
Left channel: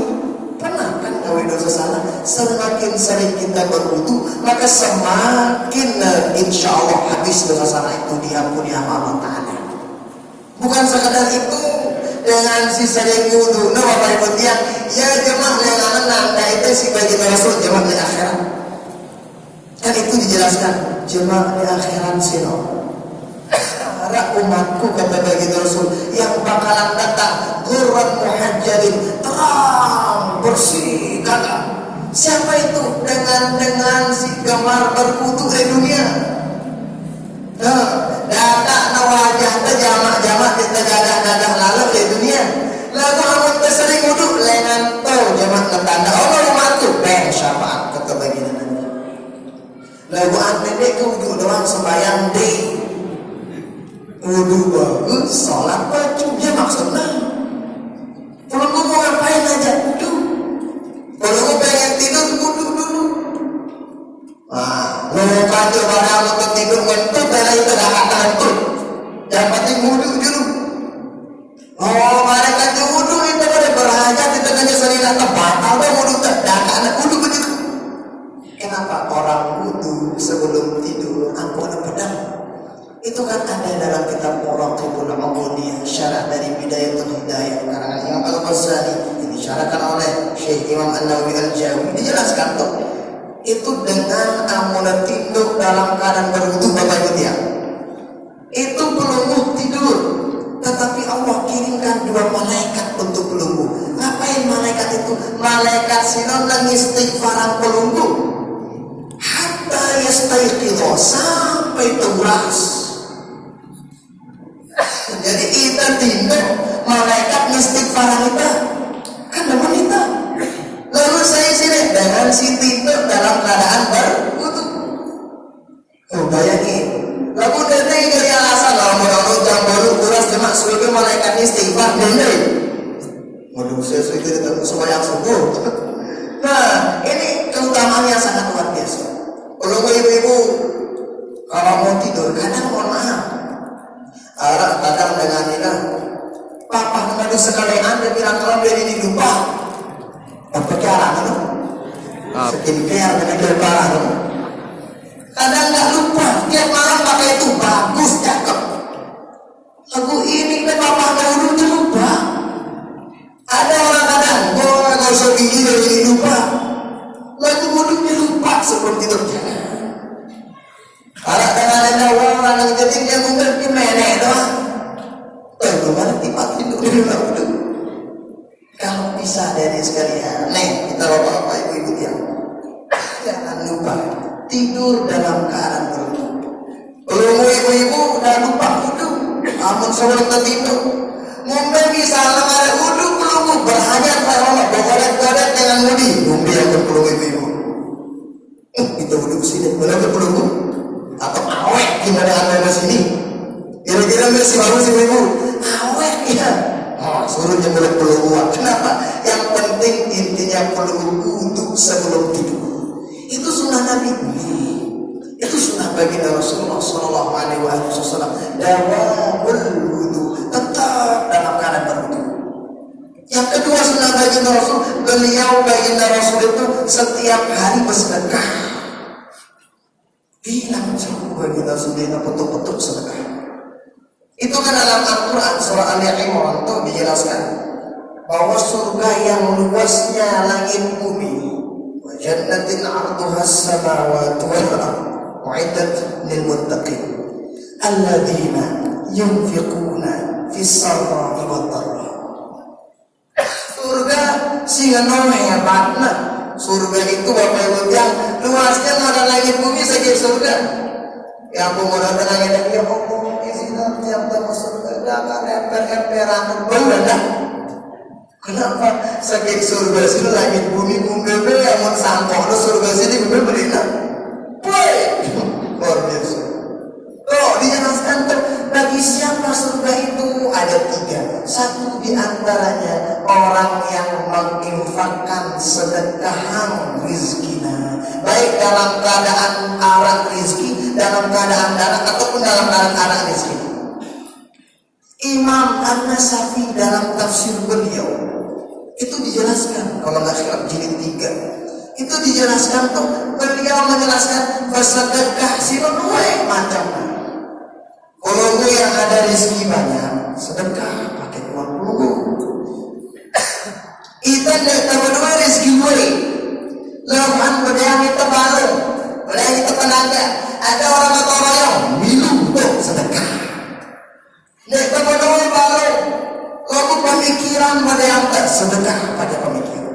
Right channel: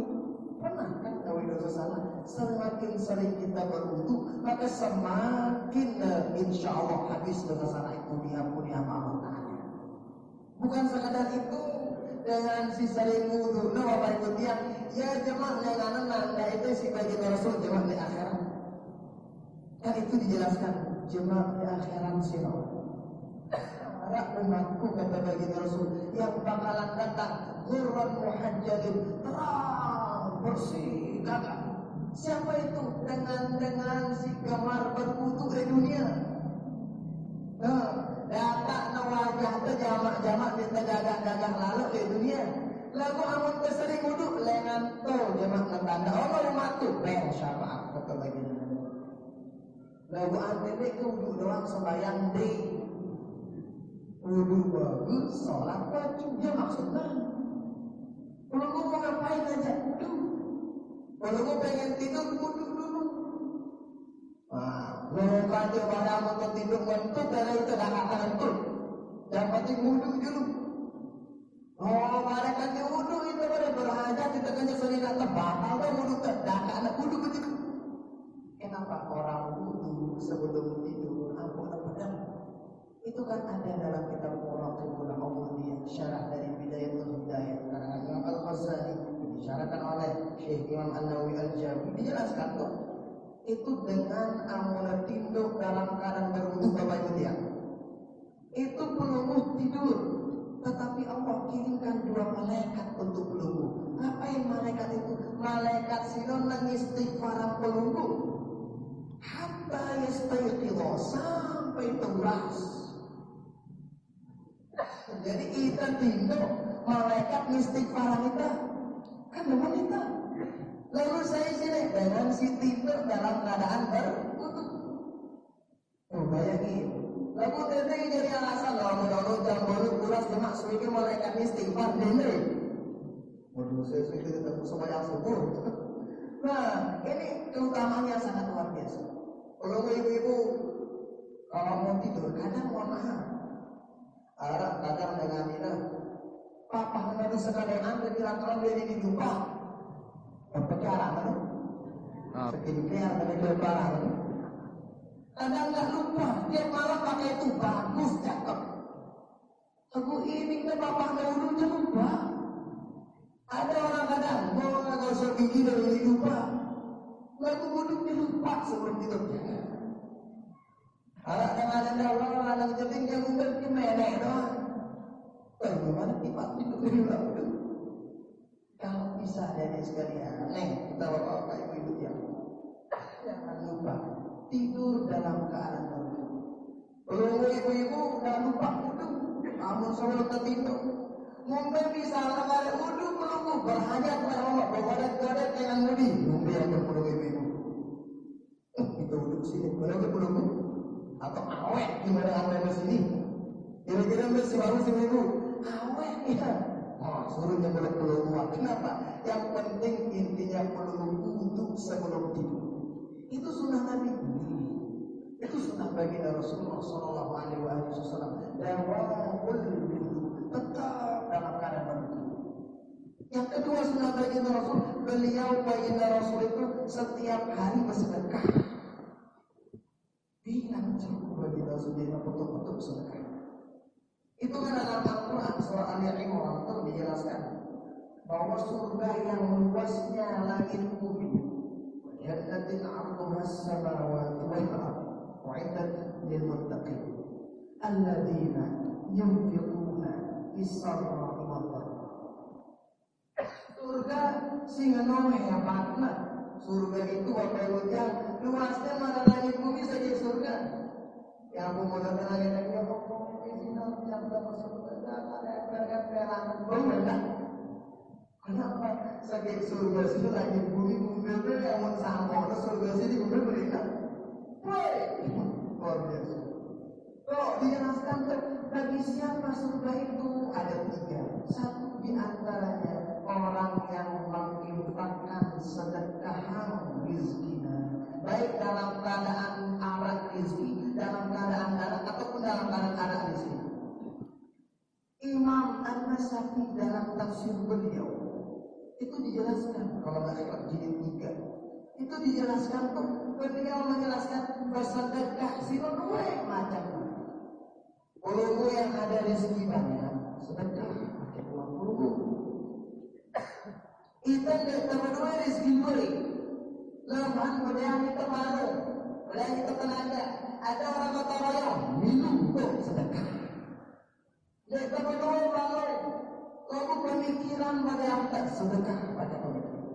pernah kan gawe dosa salah. Semakin sering kita berwudu, maka semakin insya Allah habis dosa salah itu diampuni sama Allah Ta'ala. Bukan sekadar itu, dengan sisa yang wudu, Bapak Ibu tiang, ya jemaah yang menang, nah itu si baginda Rasul jemaah di akhirat. Kan itu dijelaskan, jemaah di akhirat sino. Para umatku kata baginda Rasul yang bakalan datang, ghurran muhajjalin, terang, bersih, kagak. Siapa itu? Dengan si gambar berwudu di dunia. Data wajah jamak kita dadah lalu di dunia. Lalu amun tersering wudhu lengan to jamak ketanda Allah umatku beng syafaat kata baginda Nabi. Lalu pendek ke wudhu doang sembahyang di wudhu bagus sholat baju dia maksudnya. Kalau mau ngapain aja wudhu. Kalau mau pengen tidur wudhu dulu. Nah, mau kacau barang untuk tidur ngentuk dari itu dah hantu. Yang penting wudhu dulu. Oh, mereka tu wudhu itu pada berhajat di tengahnya serina tempat. Apa wudhu tak anak wudhu begitu. Kenapa orang wudhu sebelum tidur ampun pedang? Itu kan ada dalam kitab Muraqibul Ubudiyah, syarah dari Bidayatul Hidayah karangan Imam Al-Ghazali, yang disyarahkan oleh Syekh Imam An-Nawawi Al-Jawi. Dijelaskan tuh itu dengan amunat tinduk dalam keadaan berwudu Bapak Ibu tiang. Itu pelunggu tidur, tetapi Allah kirimkan dua malaikat untuk pelunggu. Ngapain malaikat itu? Malaikat sinon nang istighfaran pelunggu hatta yastayqidho sampai tewas. Jadi kita tidur malaikat istighfaran kita kan dengan kita. Lalu saya sini dengan si tidur dalam keadaan berwudu. Bayangin. Lalu dari alasan lah mau jam baru kuras jemak suwi malaikat istighfar bener. Waduh, saya itu ketemu sembahyang subuh. Nah, ini keutamaan yang sangat luar biasa. Kalau ibu-ibu kalau mau tidur, kadang mohon maaf, kadang dengan ini, papa kemarin sekali anda bilang kalau dia ini lupa, apa cara itu? Skincare dengan berparah. Kadang nggak lupa, tiap malam pakai itu bagus, cakep. Lagu ini kan papa dahulu lupa. Ada orang kadang, nggak usah gini dari lupa. Lagu mulutnya lupa seperti itu. Kalau dengan ada orang yang jadi dia mungkin kemenek doang. Gimana tipat tidur di rumah. Kalau bisa dari sekalian, kita bapak-bapak ibu-ibu yang jangan lupa tidur dalam keadaan berwudu. Kalau ibu-ibu udah lupa wudu, amun sebelum tidur. Mungkin bisa ada wudu belum berhajat Allah bergoret-goret dengan mudi. Mungkin yang berpeluh ibu-ibu. Kita wudu sini, benar berpeluh atau awet gimana anda di sini? Kira-kira masih baru sih ibu? Awet ya. Suruh jemur peluh. Kenapa? Yang penting intinya peluh wudu sebelum tidur. Itu sunnah Nabi. Itu sunnah baginda Rasulullah Sallallahu Alaihi Wasallam. Dawamul wudu, tetap dalam keadaan berwudu. Yang kedua sunnah baginda Rasul, baginda Rasul itu setiap hari bersedekah. Bilang cukup baginda Rasul itu betul-betul sedekah. Itu kan dalam Al-Quran surah Al-Imran itu dijelaskan bahwa surga yang luasnya langit bumi, jannatin 'arduha as-samawati wal ardh u'iddat lil muttaqin alladzina yunfiquna fis sarra'i wad dharra. Surga singa hebatna. Surga itu Bapak Ibu yang luasnya ada langit bumi saja surga. Ya aku mau datang lagi ya Allah izinkan tiap tamu surga jangan emper-emperan benar. Kenapa sakit surga sini langit bumi bumi yang mau sampah lo surga sini bumi berikan. Luar biasa. Oh dijelaskan bagi siapa surga itu ada 3. Satu di antaranya orang yang menginfakkan sedekah rizkinya, baik dalam keadaan arah rizki, dalam keadaan darah ataupun dalam keadaan arah rizki. Imam An-Nasafi dalam tafsir beliau itu dijelaskan, kalau nggak silap jilid 3 itu dijelaskan tuh, beliau menjelaskan bersedekah dua macam. Kalau gue yang ada rezeki banyak, sedekah pakai uang pelunggu. Kita tidak berdua rezeki gue. Lahan berdaya kita baru, berdaya kita tenaga. Ada orang atau royong, minum tuh sedekah. Kita berdua baru, lalu pemikiran berdaya kita sedekah pada pemikiran.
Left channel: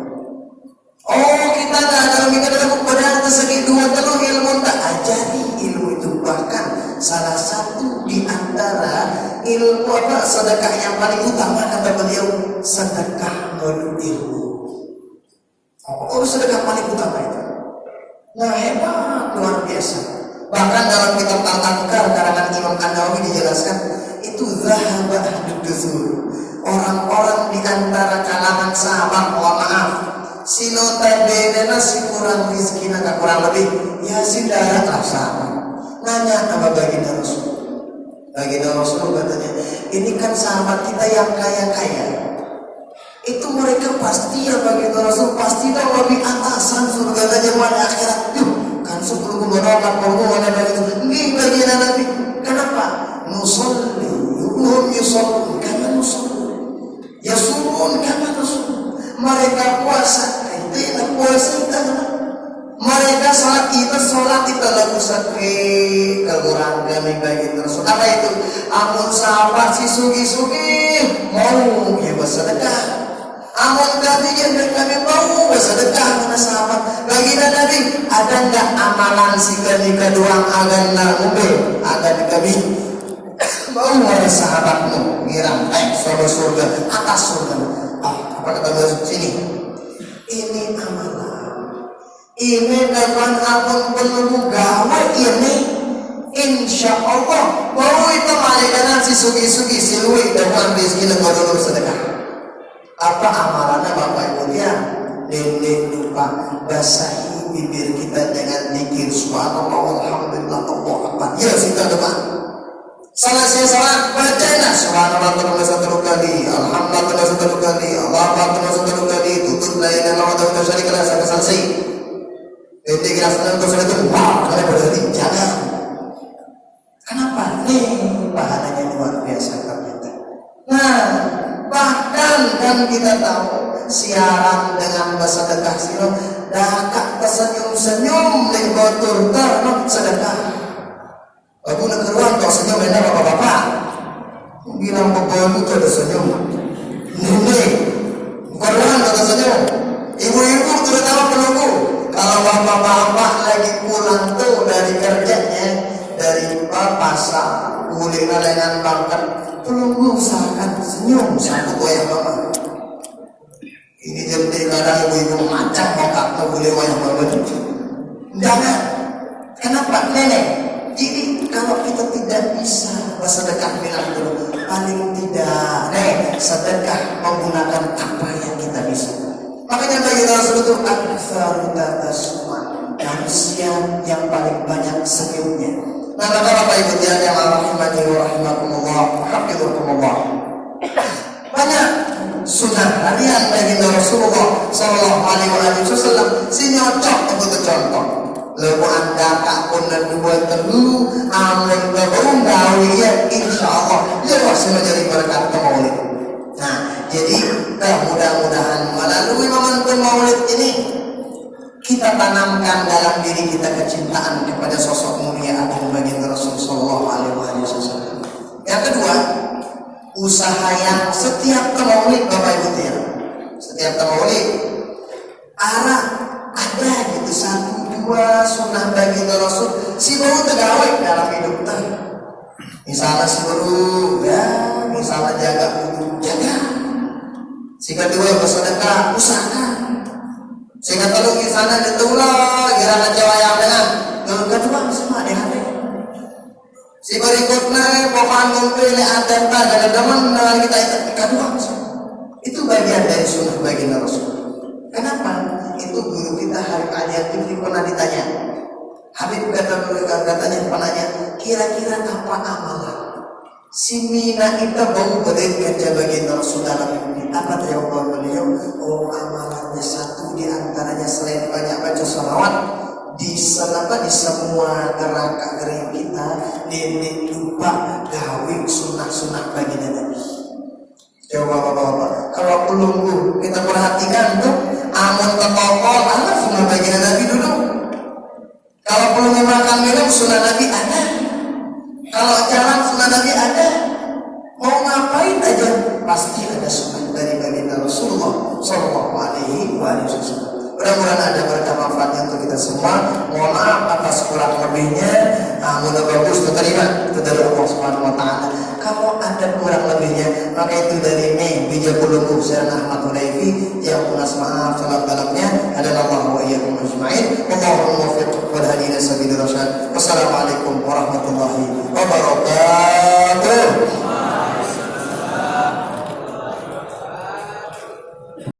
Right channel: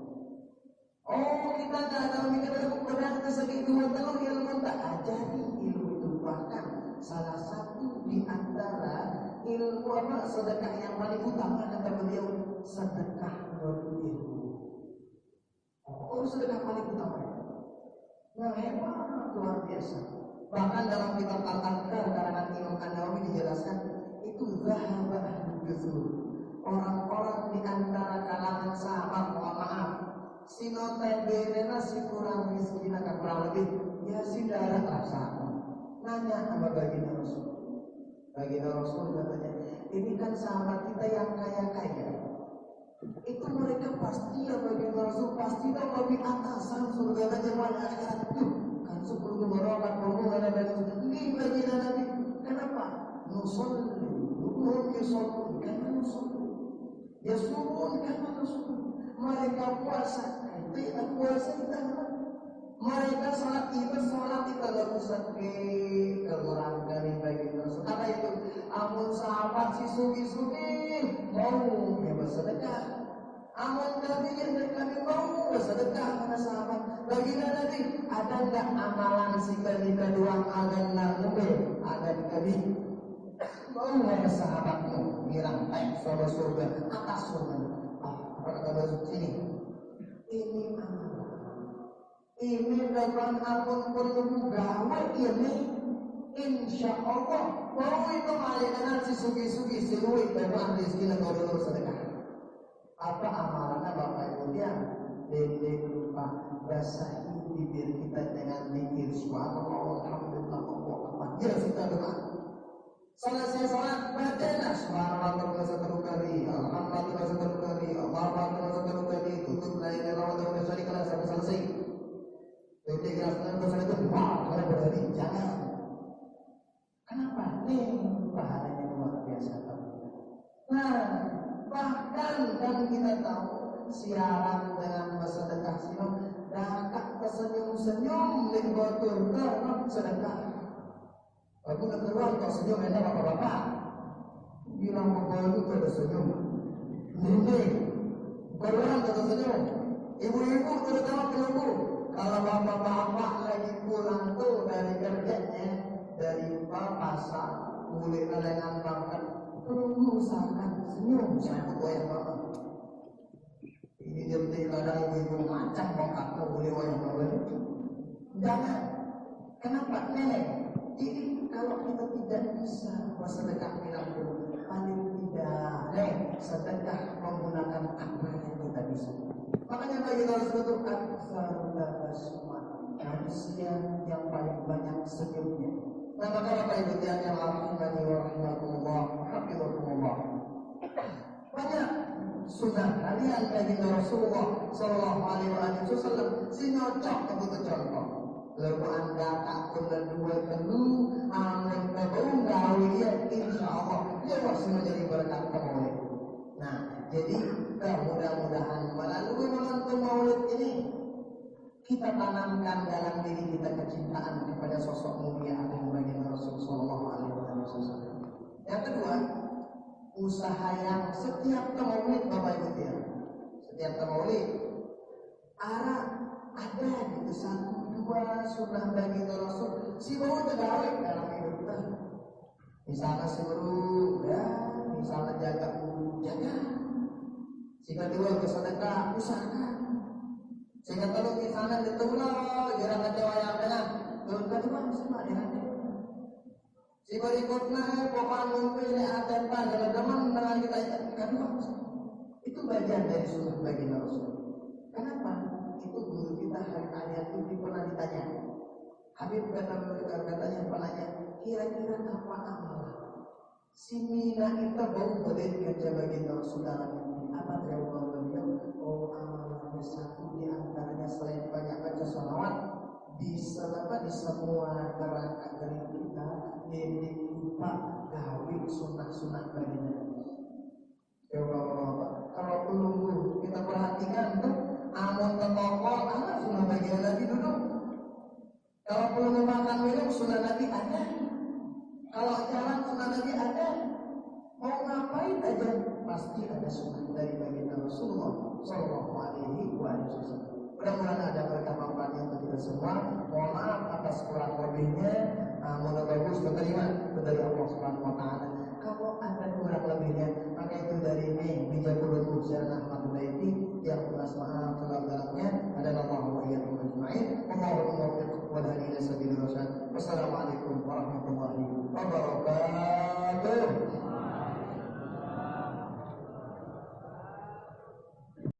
Oh kita nggak ada pemikiran berdaya tersegi 2 telur ilmu tak ajari ilmu itu, bahkan salah satu di antara ilmu sedekah yang paling utama kata beliau sedekah ilmu. Oh sedekah paling utama itu. Nah hebat luar biasa. Bahkan dalam kitab Al-Adhkar karangan Imam An-Nawawi dijelaskan itu zahaba ahlud-duzur. Orang-orang di antara kalangan sahabat, mohon maaf, si notabene si kurang rizki naga kurang lebih ya si darat lah sama. Nanya sama baginda Rasul. Baginda Rasul katanya, ini kan sahabat kita yang kaya-kaya. Itu mereka pasti ya baginda Rasul pasti dah lebih atasan surga dan jamuan akhirat. Kan sebelum menolong mana begitu. Ini baginda Nabi. Kenapa? Nusolli, yuhum yusolli, kama nusolli. Yasumun kama nusolli. Mereka puasa, kita puasa kita. Mereka sholat kita lagu sakit kekurangan kami bagi terus. Apa itu? Amun sahabat si sugi mau ya bersedekah. Amun kami kami mau bersedekah mana sahabat. Baginda Nabi, ada enggak amalan sikali keduang agama ube? Ada kami mau mana sahabatmu ngiram surga atas surga. Apa kata beliau sini? Ini amalan. Ini dengan abang perlu gawe ini. Insya Allah mau itu malaikat si sugi si luwi dengan rezeki nggak sedekah. Apa amalannya Bapak Ibu dia? Nenek lupa basahi bibir kita dengan zikir subhanallah alhamdulillah Allah akbar. Ya kita doa. Selesai salat bacalah subhanallah terus satu kali, alhamdulillah terus satu kali, Allah akbar terus satu kali, tutup la ilaha illallah wa syarika lahu sampai selesai. Integrasi terus itu wah, kalian berarti jangan. Kenapa? Pahalanya luar biasa ternyata. Nah, bahkan kan kita tahu siaran dengan bersedekah siro dakak tersenyum-senyum lek botur terno sedekah. Aku nak keruan kau senyum benar bapak-bapak. Bilang bebolu tu ada senyum. Nenek, keruan kau tersenyum. Ibu-ibu terutama penunggu. Kalau bapak-bapak lagi pulang tuh dari kerjanya, dari pasar, kuliner dengan makan, penunggu usahakan senyum satu wayang mama. Ini jadi kadang ibu-ibu macam mau boleh wayang mama itu. Jangan. Kenapa nenek? Jadi kalau kita tidak bisa bersedekah bilang dulu, paling tidak sedekah menggunakan apa yang kita bisa. Makanya bagi Rasul itu aktsarut tabassum, manusia yang paling banyak senyumnya. Nah, maka Bapak Ibu yang rahimani wa rahimakumullah, hafizakumullah. Banyak sunnah harian bagi Rasulullah sallallahu alaihi wasallam sinyocok untuk contoh. Lalu anda tak pun dua telu amun terung gawian insyaallah lepas menjadi berkat maulid. Nah, jadi mudah-mudahan melalui momentum maulid ini kita tanamkan dalam diri kita kecintaan kepada sosok mulia agung baginda Rasul sallallahu alaihi wasallam. Yang kedua, usaha yang setiap maulid Bapak Ibu ya. Setiap maulid ada gitu satu dua sunnah baginda Rasul si baru tergawai dalam hidup kita. Misalnya si baru ya, misalnya jaga jaga. Si kedua bersedekah usahakan. Sehingga kalau di sana ditulah kira kecewa yang dengan kedua semua ada hati. Si berikutnya pohon ngumpul ada teman kita kedua itu bagian dari sunnah baginda Rasul. Kenapa? Itu guru kita Habib Ali Atifli pernah ditanya. Habib katanya penanya, kira-kira apa amalan si Mina itu bau berikan baginda Rasul dalam ini? Apa jawaban beliau? Oh, amalannya satu di antaranya selain banyak baca salawat di semua gerak-gerik kita nenek lupa gawe sunnah-sunnah baginda Nabi. Coba bapak-bapak, kalau pelunggu kita perhatikan tuh amun ketokol ada sunnah baginda Nabi dulu. Kalau pelunggu makan minum sunnah Nabi ada. Kalau jalan sunnah Nabi ada. Mau ngapain aja pasti ada sunnah dari baginda Rasulullah sallallahu alaihi wasallam. Mudah-mudahan ada berkah manfaatnya untuk kita semua. Mohon maaf atas kurang lebihnya. Mudah bagus diterima itu dari Allah Subhanahu wa taala. Kalau ada kurang lebihnya, maka itu dari Bija Pulunggu Syekh Ahmad Hulaifi yang punas maaf salam dalamnya adalah Allah wa iyyakum ajma'in. Allahumma waffiq wal hadi ila sabilir rasyad.